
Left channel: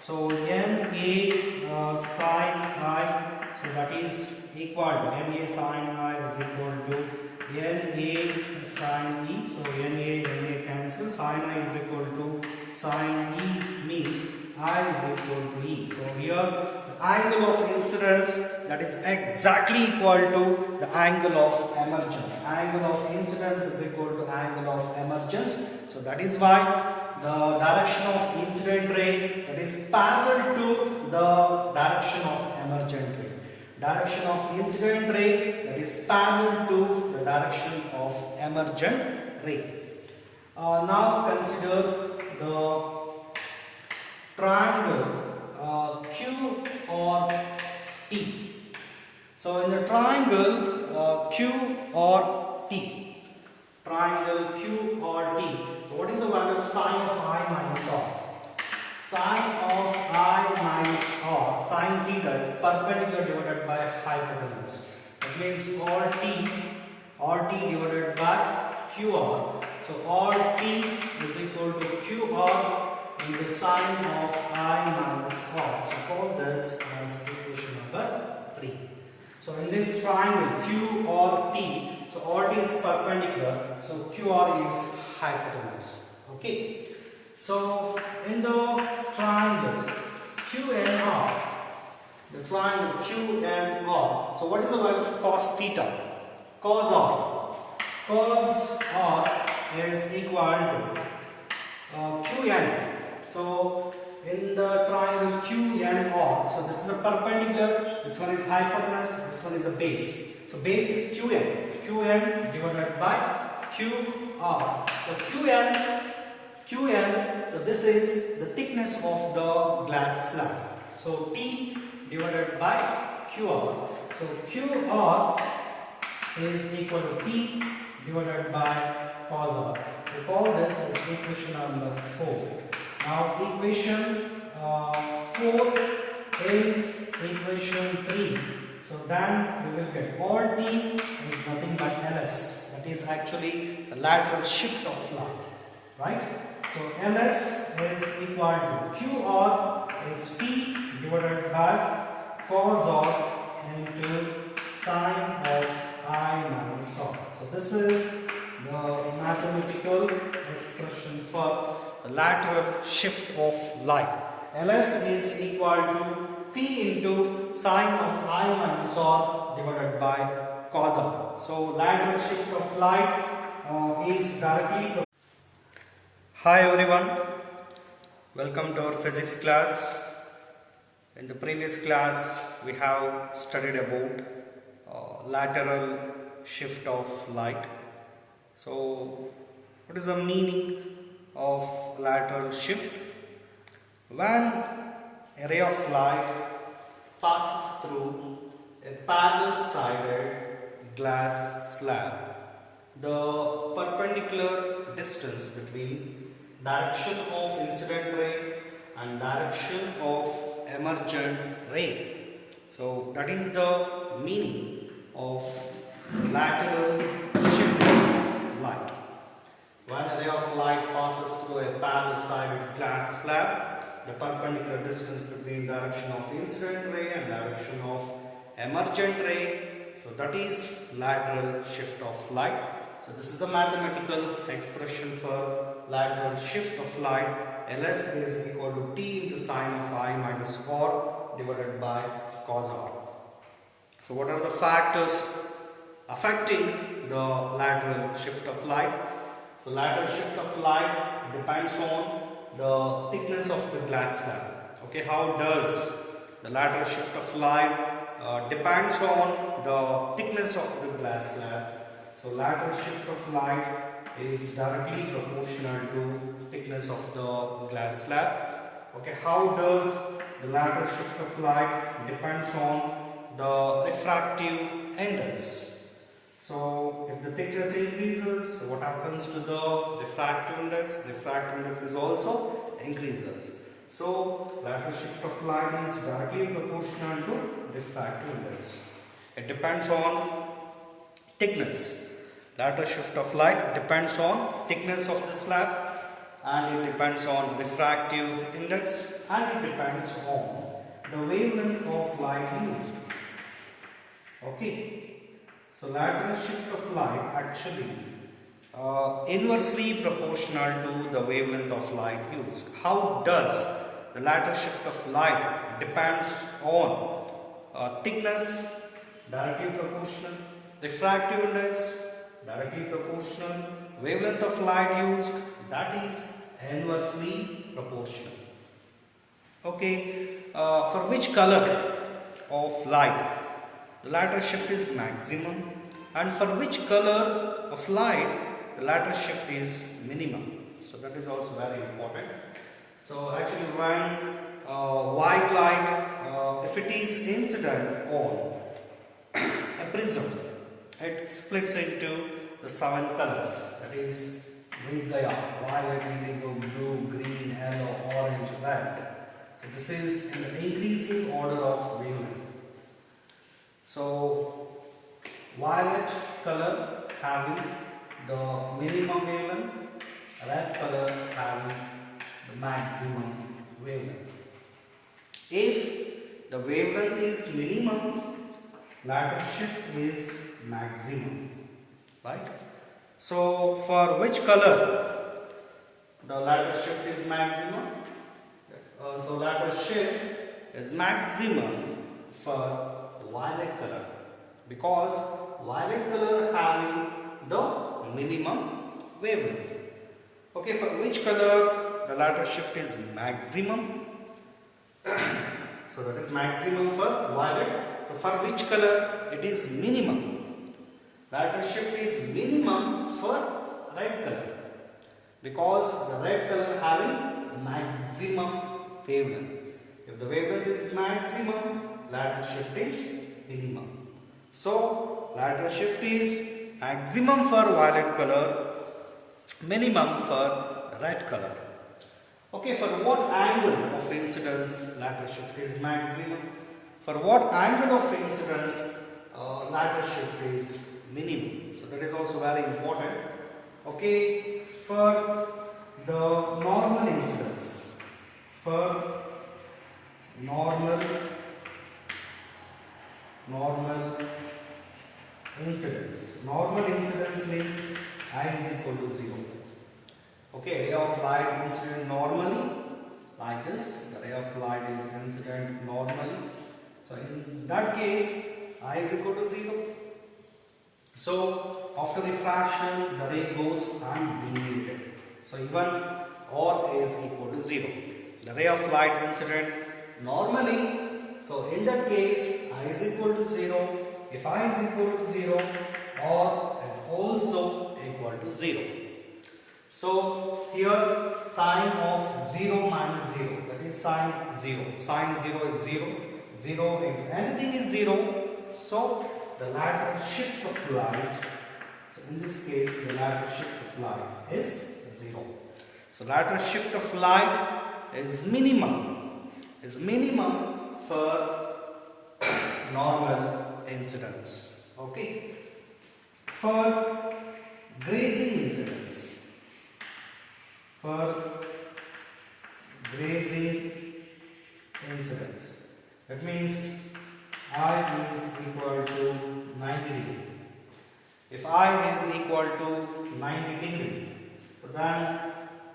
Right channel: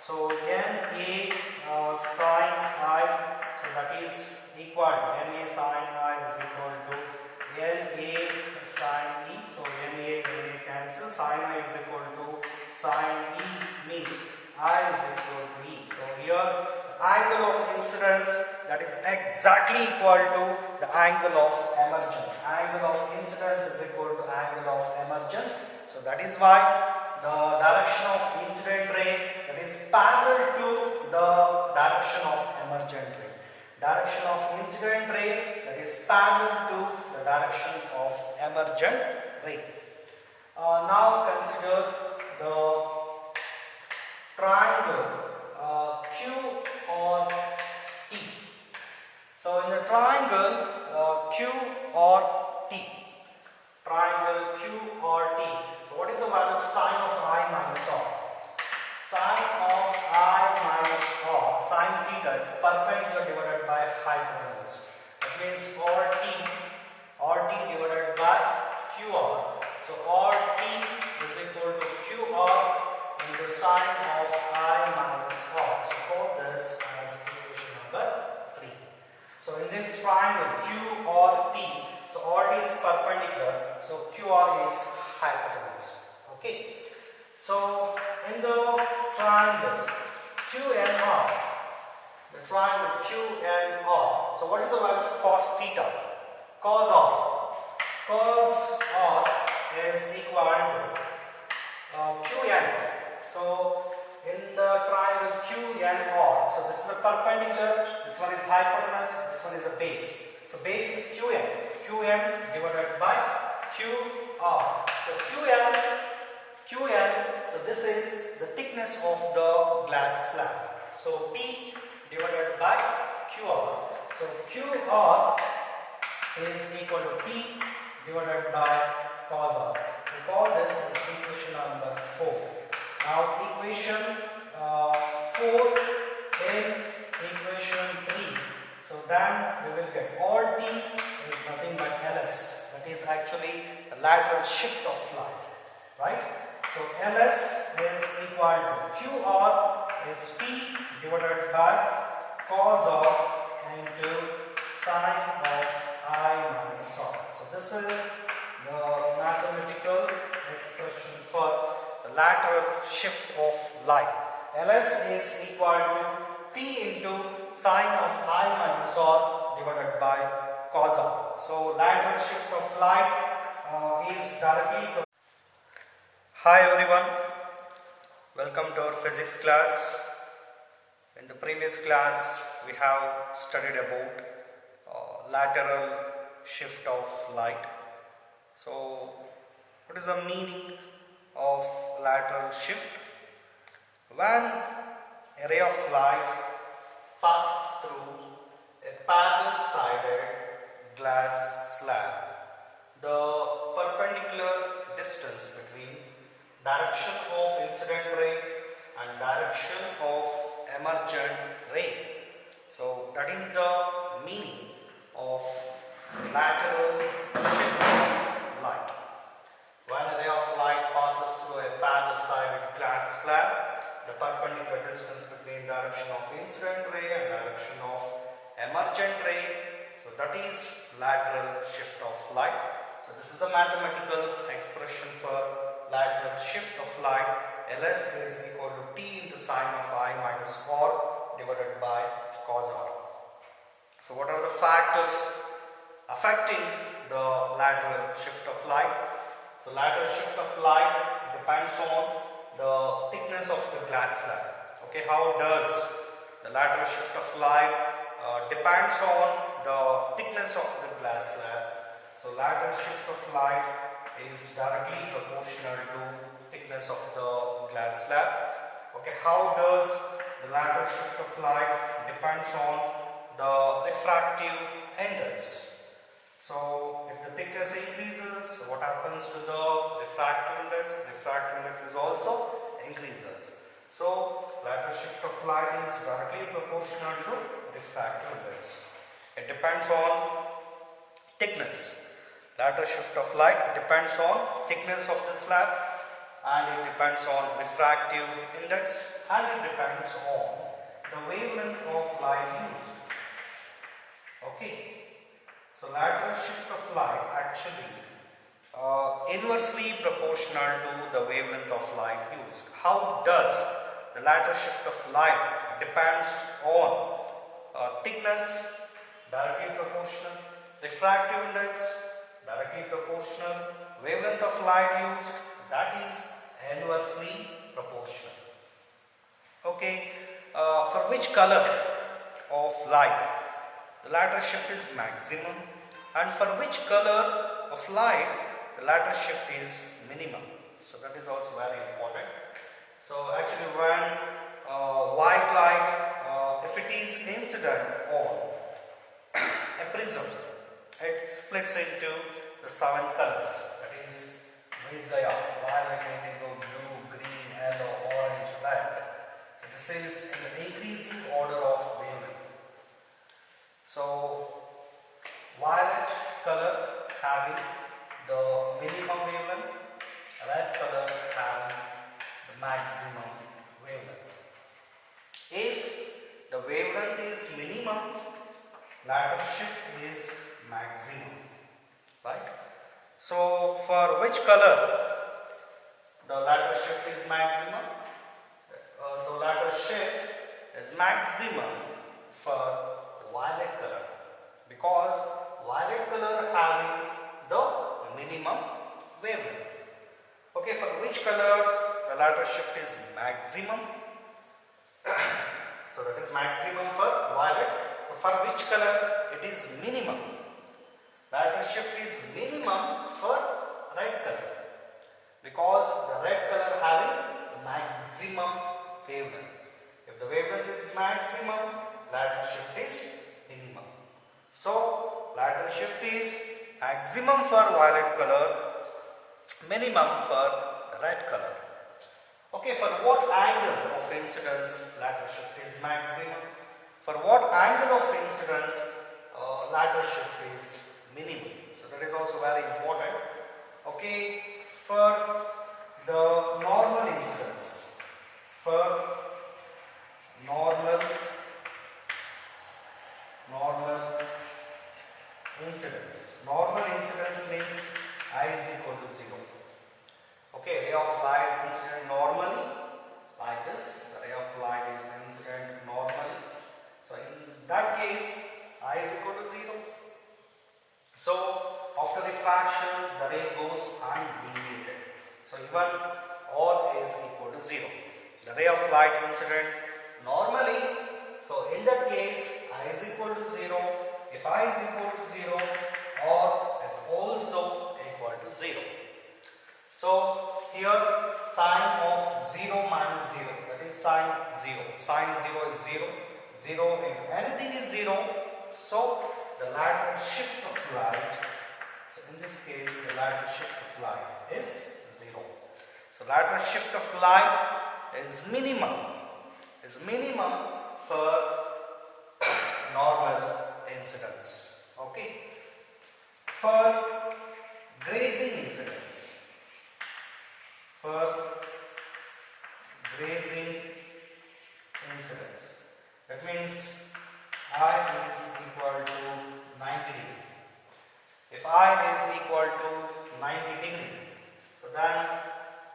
So Na sine I, so that is equal to Na sine I is equal to Na sine E. So Na cancel, sine I is equal to sine E means I is equal to E. So here the angle of incidence, that is exactly equal to the angle of emergence. Angle of incidence is equal to angle of emergence. So that is why the direction of incident ray, that is parallel to the direction of emergent ray. Direction of incident ray, that is parallel to the direction of emergent ray. Now consider the triangle Q or T. So in the triangle Q or T, triangle Q or T. So what is the value of sine of I minus R? Sine of I minus R, sine theta is perpendicular divided by hypotenuse. That means RT divided by QR. So RT is equal to QR into sine of I minus R. So call this as equation number 3. So in this triangle Q or T, so RT is perpendicular, so QR is hypotenuse. Okay. So in the triangle QNR, the triangle QNR, so what is the value of cos theta? Cos R. Cos R is equal to QN. So in the triangle QNR, so this is a perpendicular, this one is hypotenuse, this one is a base. So base is QN. QN divided by QR. So QN, so this is the thickness of the glass slab. So T divided by QR. So QR is equal to T divided by cos R. We call this as equation number 4. Now equation 4 in equation 3. So then we will get RT is nothing but LS. That is actually the lateral shift of light. Right? So LS is equal to QR is T divided by cos R into sine of I minus R. So this is the mathematical expression for the lateral shift of light. LS is equal to T into sine of I minus R divided by cos R. So lateral shift of light is directly. Hi everyone, welcome to our physics class. In the previous class we have studied about lateral shift of light. So what is the meaning of lateral shift? When a ray of light passes through a parallel sided glass slab, the perpendicular distance between direction of incident ray and direction of emergent ray. So that is the meaning of lateral shift of light. When a ray of light passes through a parallel sided glass slab, the perpendicular distance between direction of incident ray and direction of emergent ray, so that is lateral shift of light. So this is the mathematical expression for lateral shift of light. LS is equal to T into sine of I minus R divided by cos R. So what are the factors affecting the lateral shift of light? So lateral shift of light depends on the thickness of the glass slab. Okay, how does the lateral shift of light depends on the thickness of the glass slab. So lateral shift of light is directly proportional to thickness of the glass slab. Okay, how does the lateral shift of light depends on the refractive index. So if the thickness increases, what happens to the refractive index? Refractive index is also increases. So lateral shift of light is directly proportional to refractive index. It depends on thickness. Lateral shift of light depends on thickness of the slab, and it depends on refractive index, and it depends on the wavelength of light used. Okay, so lateral shift of light actually inversely proportional to the wavelength of light used. How does the lateral shift of light depends on thickness, directly proportional, refractive index, directly proportional, wavelength of light used, that is inversely proportional. Okay, for which color of light the lateral shift is maximum, and for which color of light the lateral shift is minimum. So that is also very important. So actually when white light, if it is incident on a prism, it splits into the 7 colors, that is Vidgaya, violet, indigo, blue, green, yellow, orange, red. So this is in the increasing order of wavelength. So violet color having the minimum wavelength, red color having the maximum wavelength. If the wavelength is minimum, lateral shift is maximum, right? So for which color the lateral shift is maximum? So lateral shift is maximum for violet color, because violet color having the minimum wavelength. Okay, for which color the lateral shift is maximum? So that is maximum for violet. So for which color it is minimum? Lateral shift is minimum for red color, because the red color having the maximum wavelength. If the wavelength is maximum, lateral shift is minimum. So lateral shift is maximum for violet color, minimum for the red color. Okay, for what angle of incidence lateral shift is maximum? For what angle of incidence lateral shift is minimum? So that is also very important. Okay, for the normal incidence, for normal incidence means I is equal to 0. Okay, ray of light incident normally like this, the ray of light is incident normally. So in that case I is equal to 0. So after refraction the ray goes undeviated. So even R is equal to 0. The ray of light incident normally, so in that case I is equal to 0. If I is equal to 0, R is also equal to 0. So here sine of 0 minus 0, that is sine 0. Sine 0 is 0. 0 into anything is 0. So the lateral shift of light, so in this case the lateral shift of light is 0. So lateral shift of light is minimum for normal incidence. Okay. For grazing incidence, that means I is equal to 90 degree. If I is equal to 90 degree, so then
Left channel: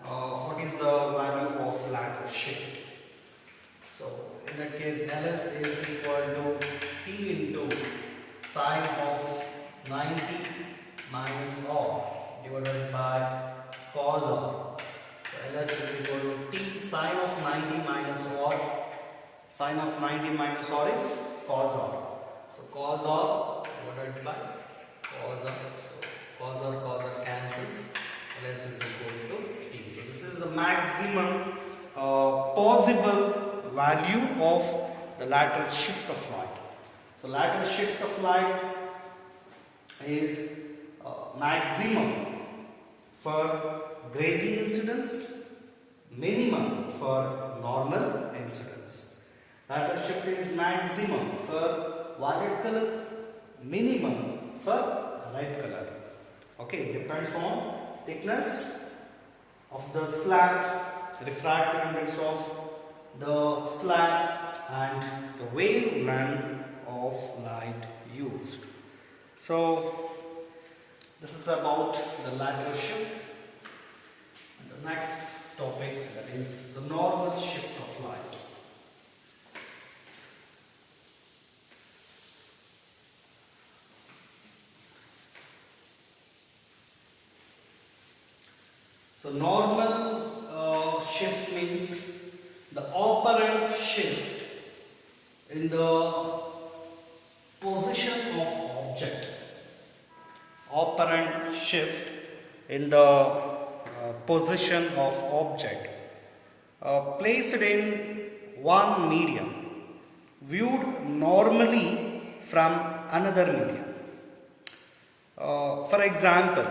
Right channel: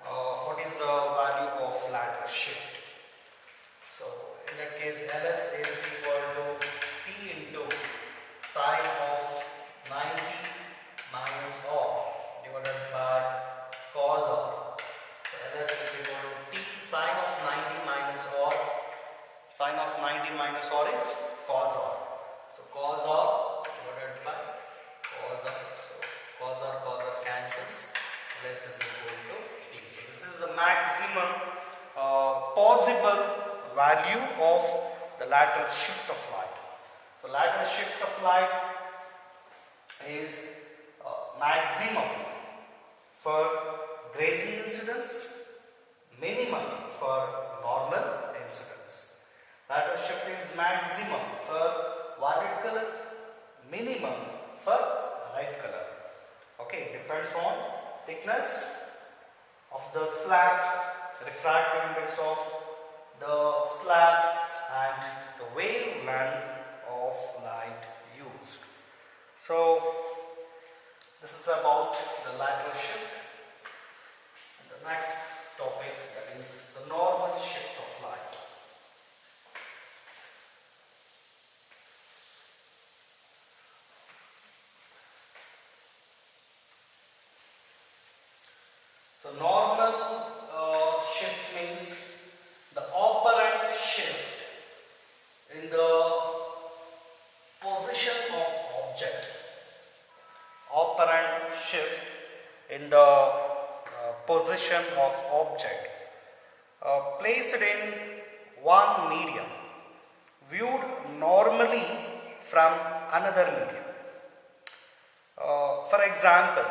what is the value of lateral shift? So in that case Ls is equal to T into sine of 90 minus R divided by cos R. So Ls is equal to T sine of 90 minus R. Sine of 90 minus R is cos R. So cos R divided by cos R. So cos R cancels. Ls is equal to T. So this is the maximum possible value of the lateral shift of light. So lateral shift of light is maximum for grazing incidence, minimum for normal incidence. Lateral shift is maximum for violet color, minimum for red color. Okay, it depends on thickness of the slab, refractive index of the slab, and the wavelength of light used. So this is about the lateral shift. And the next topic, that is the normal shift of light. So normal shift means the operant shift in the position of object. Operant shift in the position of object. placed in one medium, viewed normally from another medium. For example,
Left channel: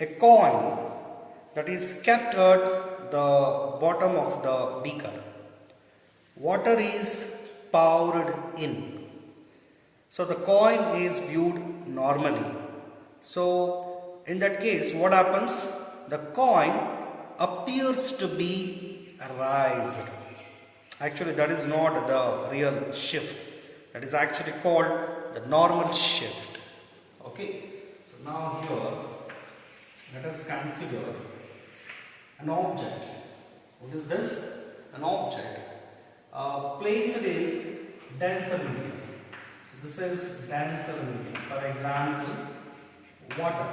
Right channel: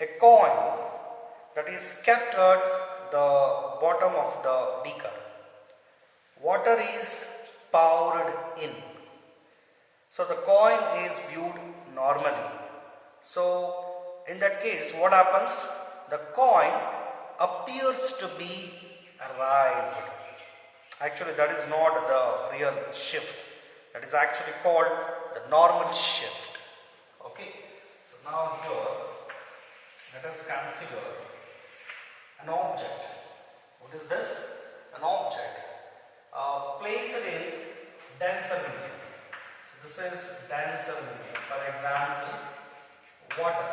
a coin that is kept at the bottom of the beaker. Water is poured in. So the coin is viewed normally. So in that case, what happens? The coin appears to be raised. Actually, that is not the real shift. That is actually called the normal shift. Okay. So now here, let us consider an object. What is this? An object placed in denser medium. This is denser medium. For example, water.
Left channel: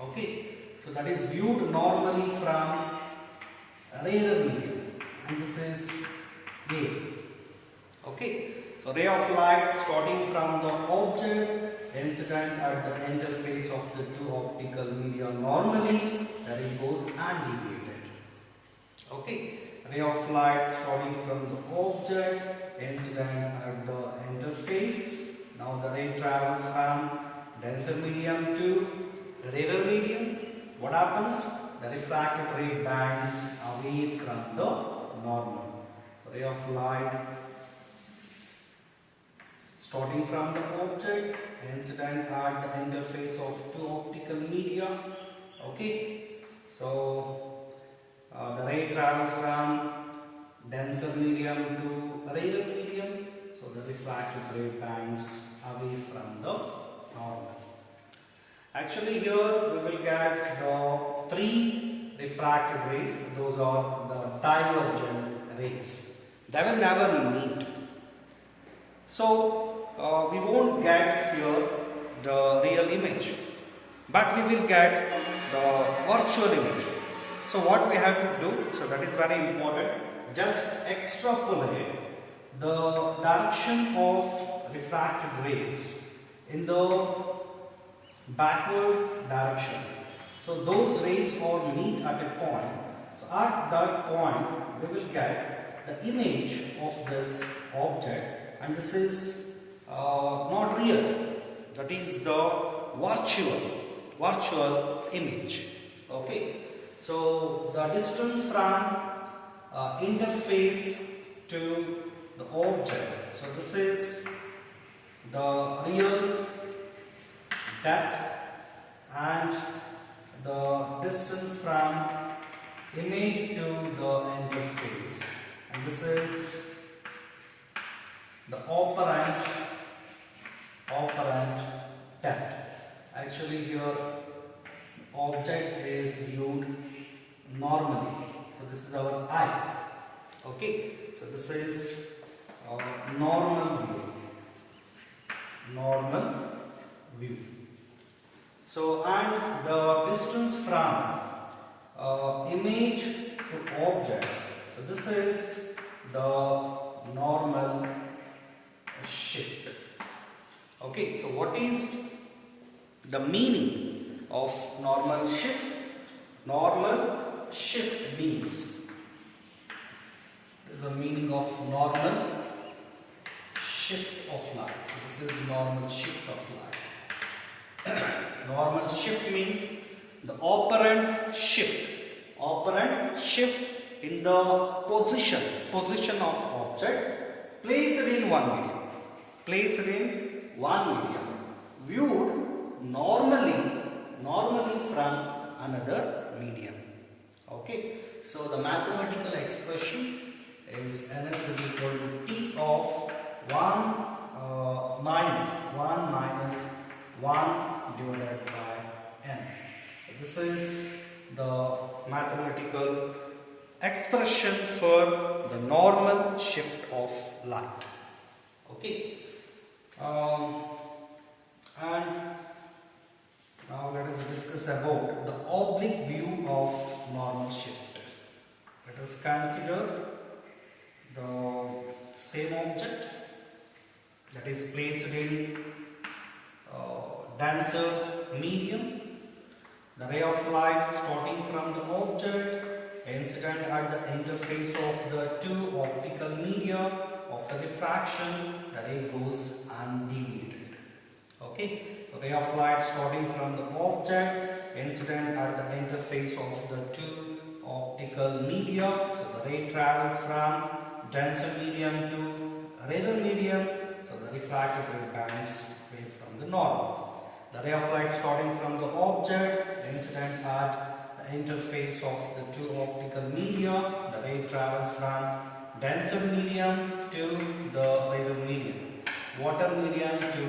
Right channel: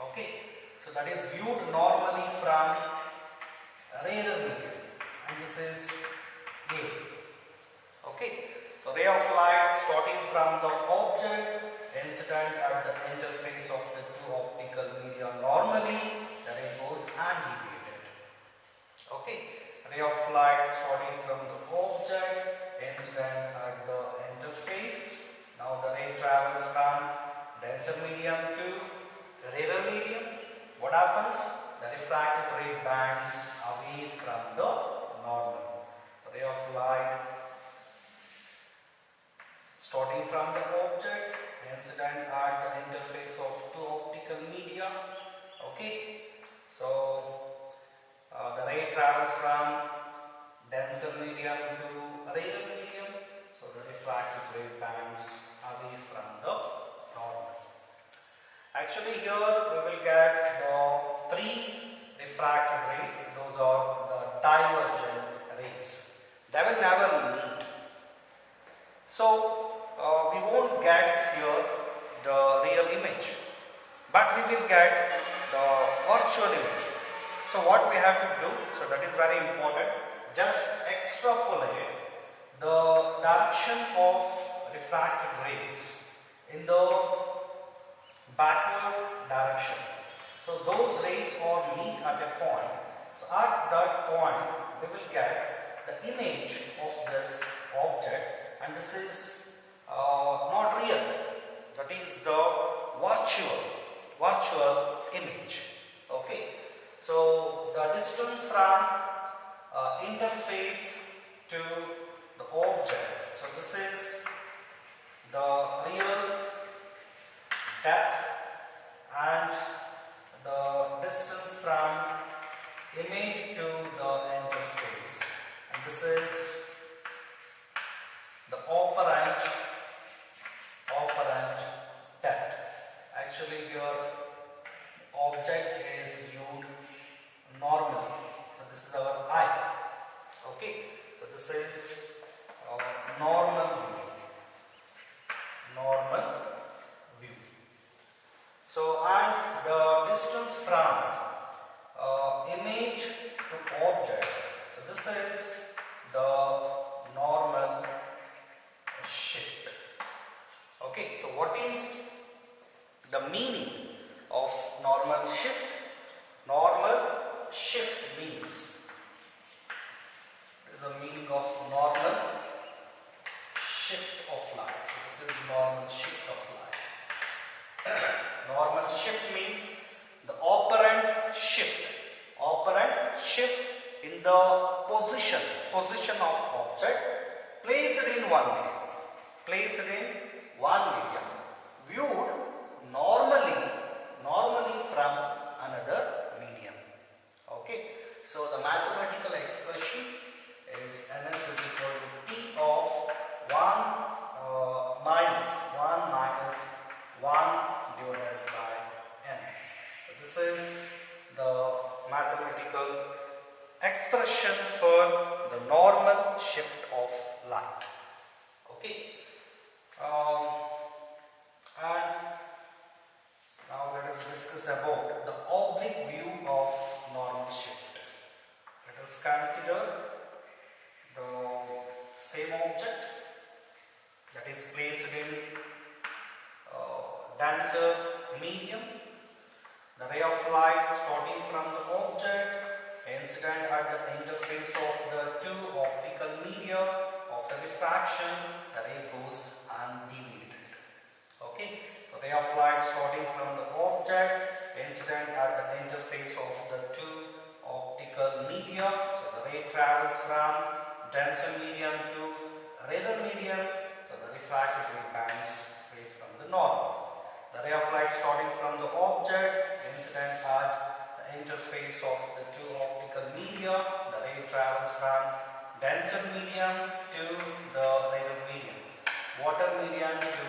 Okay. So that is viewed normally from a rarer medium, and this is air. Okay. So ray of light starting from the object incident at the interface of the two optical media normally, the ray goes undeviated. Okay. Ray of light starting from the object incident at the interface. Now the ray travels from denser medium to rarer medium. What happens? The refracted ray bends away from the normal. So ray of light starting from the object incident at the interface of two optical media. Okay. So the ray travels from denser medium to rarer medium. So the refracted ray bends away from the normal. Actually here we will get the three refracted rays. Those are the divergent rays. They will never meet. So we won't get here the real image, but we will get the virtual image. So what we have to do, so that is very important, just extrapolate the direction of refracted rays in the backward direction. So those rays all meet at a point. So at that point we will get the image of this object, and this is not real. That is the virtual image. Okay. So the distance from interface to the object. So this is the real depth and the distance from image to the interface, and this is the operant depth. Actually here object is viewed normally. So this is our eye. Okay. So this is normal view. So and the distance from image to object. So this is the normal shift. Okay. So what is the meaning of normal shift? Normal shift means, there is a meaning of normal shift of light. So this is normal shift of light. Normal shift means the operant shift in the position of object placed in one medium, viewed normally from another medium. Okay. So the mathematical expression is Ns is equal to T of 1 minus 1 divided by N. So this is the mathematical expression for the normal shift of light. Okay. And now let us discuss about the oblique view of normal shift. Let us consider the same object that is placed in denser medium. The ray of light starting from the object incident at the interface of the two optical media of the refraction, the ray goes undeviated. Okay, so ray of light starting from the object, incident at the interface of the two optical media. So the ray travels from denser medium to rarer medium. So the refracted ray bends away from the normal. The ray of light starting from the object, incident at the interface of the two optical media. The ray travels from denser medium to the rarer medium, water medium to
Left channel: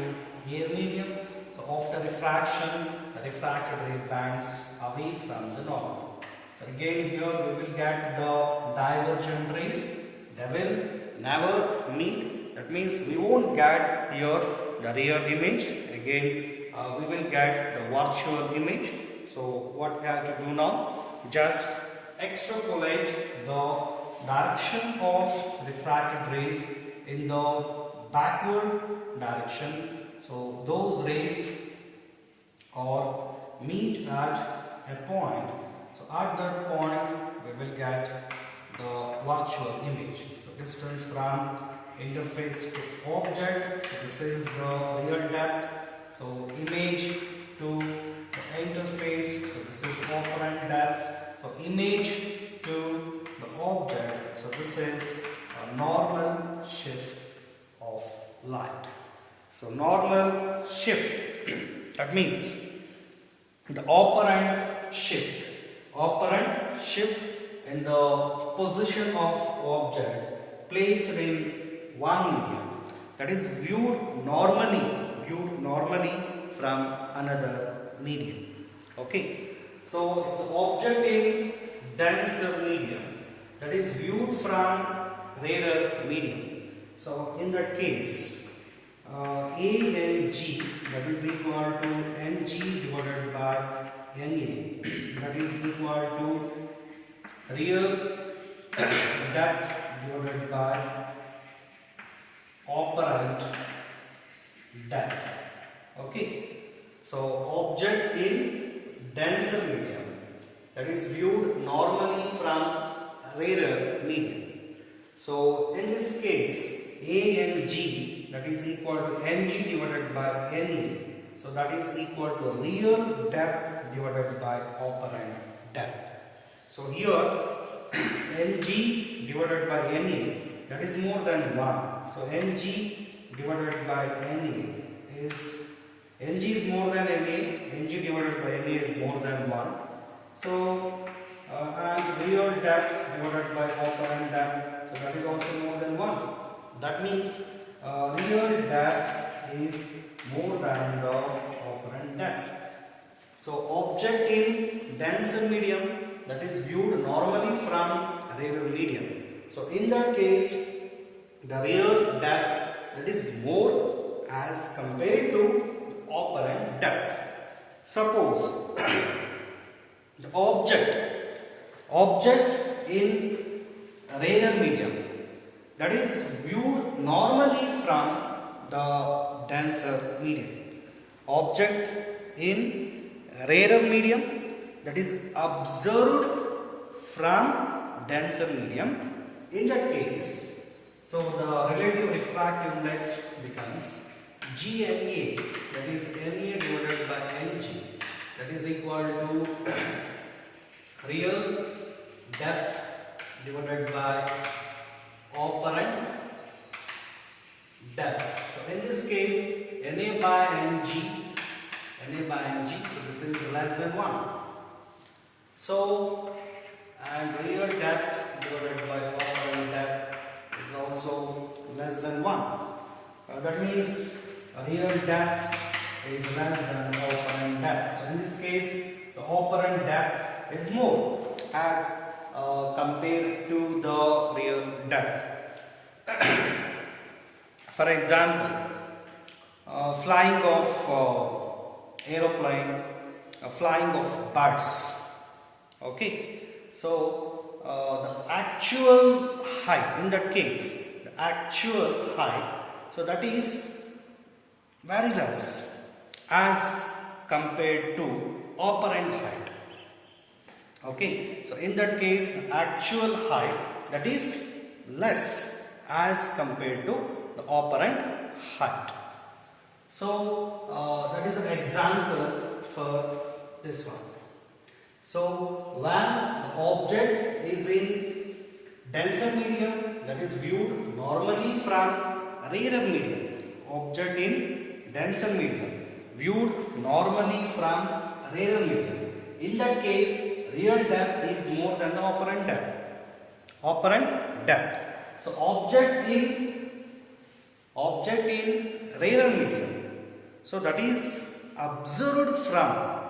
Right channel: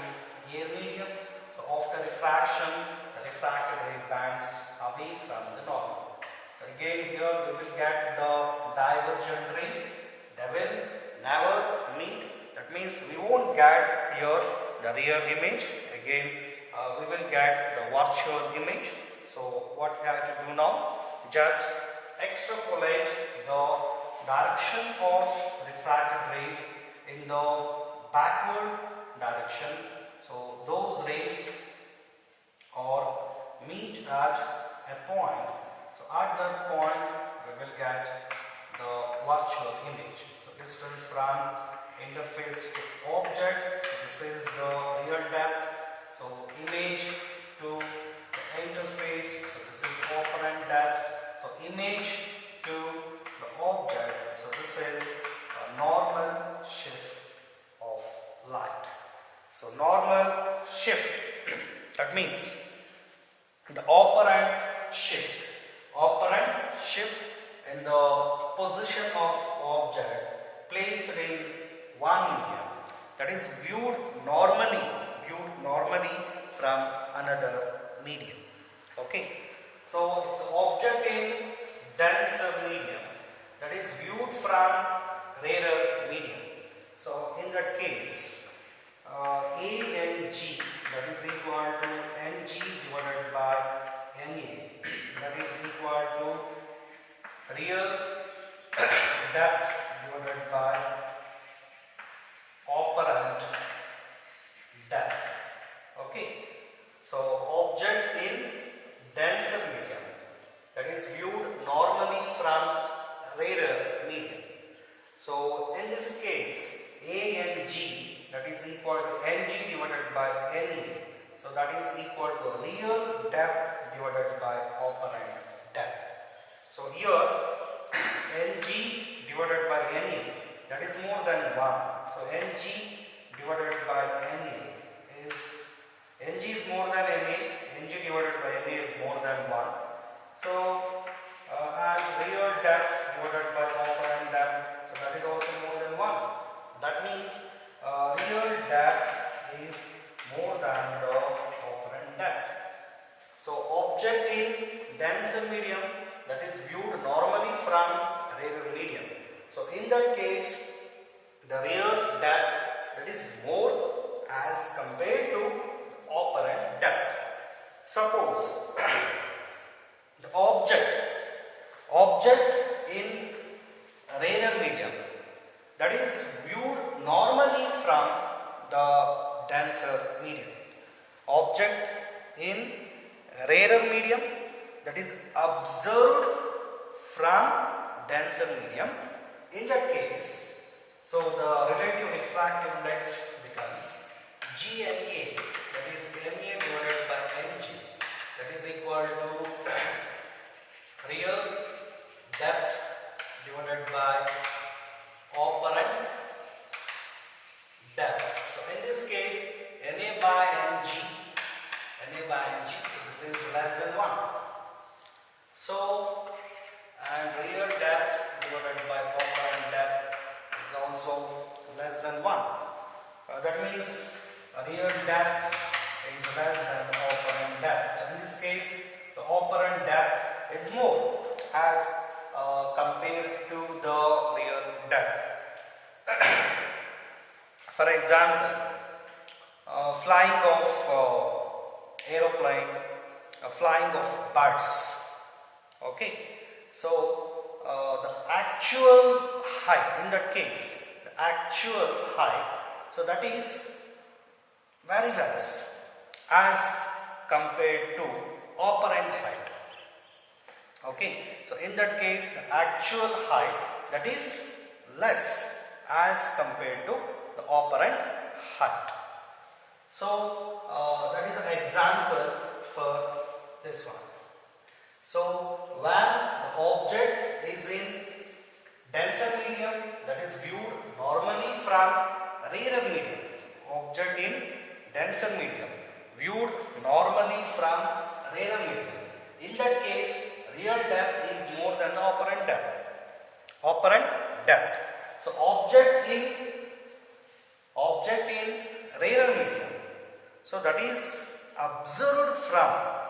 air medium. So after refraction, the refracted ray bends away from the normal. So again here we will get the divergent rays. They will never meet. That means we won't get here the real image. Again we will get the virtual image. So what we have to do now? Just extrapolate the direction of refracted rays in the backward direction. So those rays are meet at a point. So at that point we will get the virtual image. So distance from interface to object. So this is the real depth. So image to the interface. So this is operant depth. So image to the object. So this is a normal shift of light. So normal shift. That means the operant shift in the position of object placed in one medium, that is viewed normally from another medium. Okay, so the object in denser medium, that is viewed from rarer medium. So in that case, A and G, that is equal to Ng divided by Na, that is equal to real depth divided by operant depth. Okay, so object in denser medium, that is viewed normally from rarer medium. So in this case, A and G, that is equal to Ng divided by Na. So that is equal to real depth divided by operant depth. So here Ng divided by Na, that is more than 1. So Ng divided by Na is, Ng is more than Na, Ng divided by Na is more than 1. So and real depth divided by operant depth, so that is also more than 1. That means real depth is more than the operant depth. So object in denser medium, that is viewed normally from rarer medium. So in that case, the real depth, that is more as compared to operant depth. Suppose the object in rarer medium, that is viewed normally from the denser medium. Object in rarer medium, that is observed from denser medium. In that case, so the relative refractive index becomes GNA, that is Na divided by Ng, that is equal to real depth divided by operant depth. So in this case, Na by Ng, so this is less than 1. So, and real depth divided by operant depth is also less than 1. That means real depth is less than operant depth. So in this case, the operant depth is more as compared to the real depth. For example, flying of aeroplane, flying of birds. Okay, so the actual height, in that case, the actual height, so that is very less as compared to operant height. Okay, so in that case the actual height that is less as compared to the apparent height. So that is an example for this one. So when the object is in denser medium, that is viewed normally from rarer medium. Object in denser medium viewed normally from rarer medium. In that case, real depth is more than the apparent depth. Apparent depth. So object in rarer medium. So that is observed from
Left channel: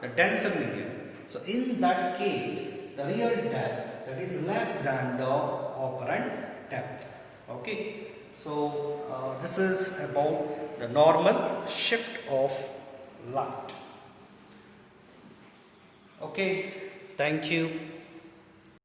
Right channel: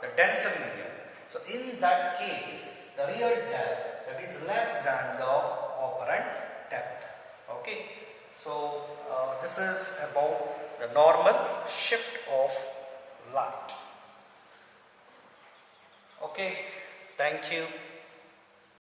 the denser medium. So in that case, the real depth that is less than the apparent depth. Okay. So this is about the normal shift of light. Okay. Thank you.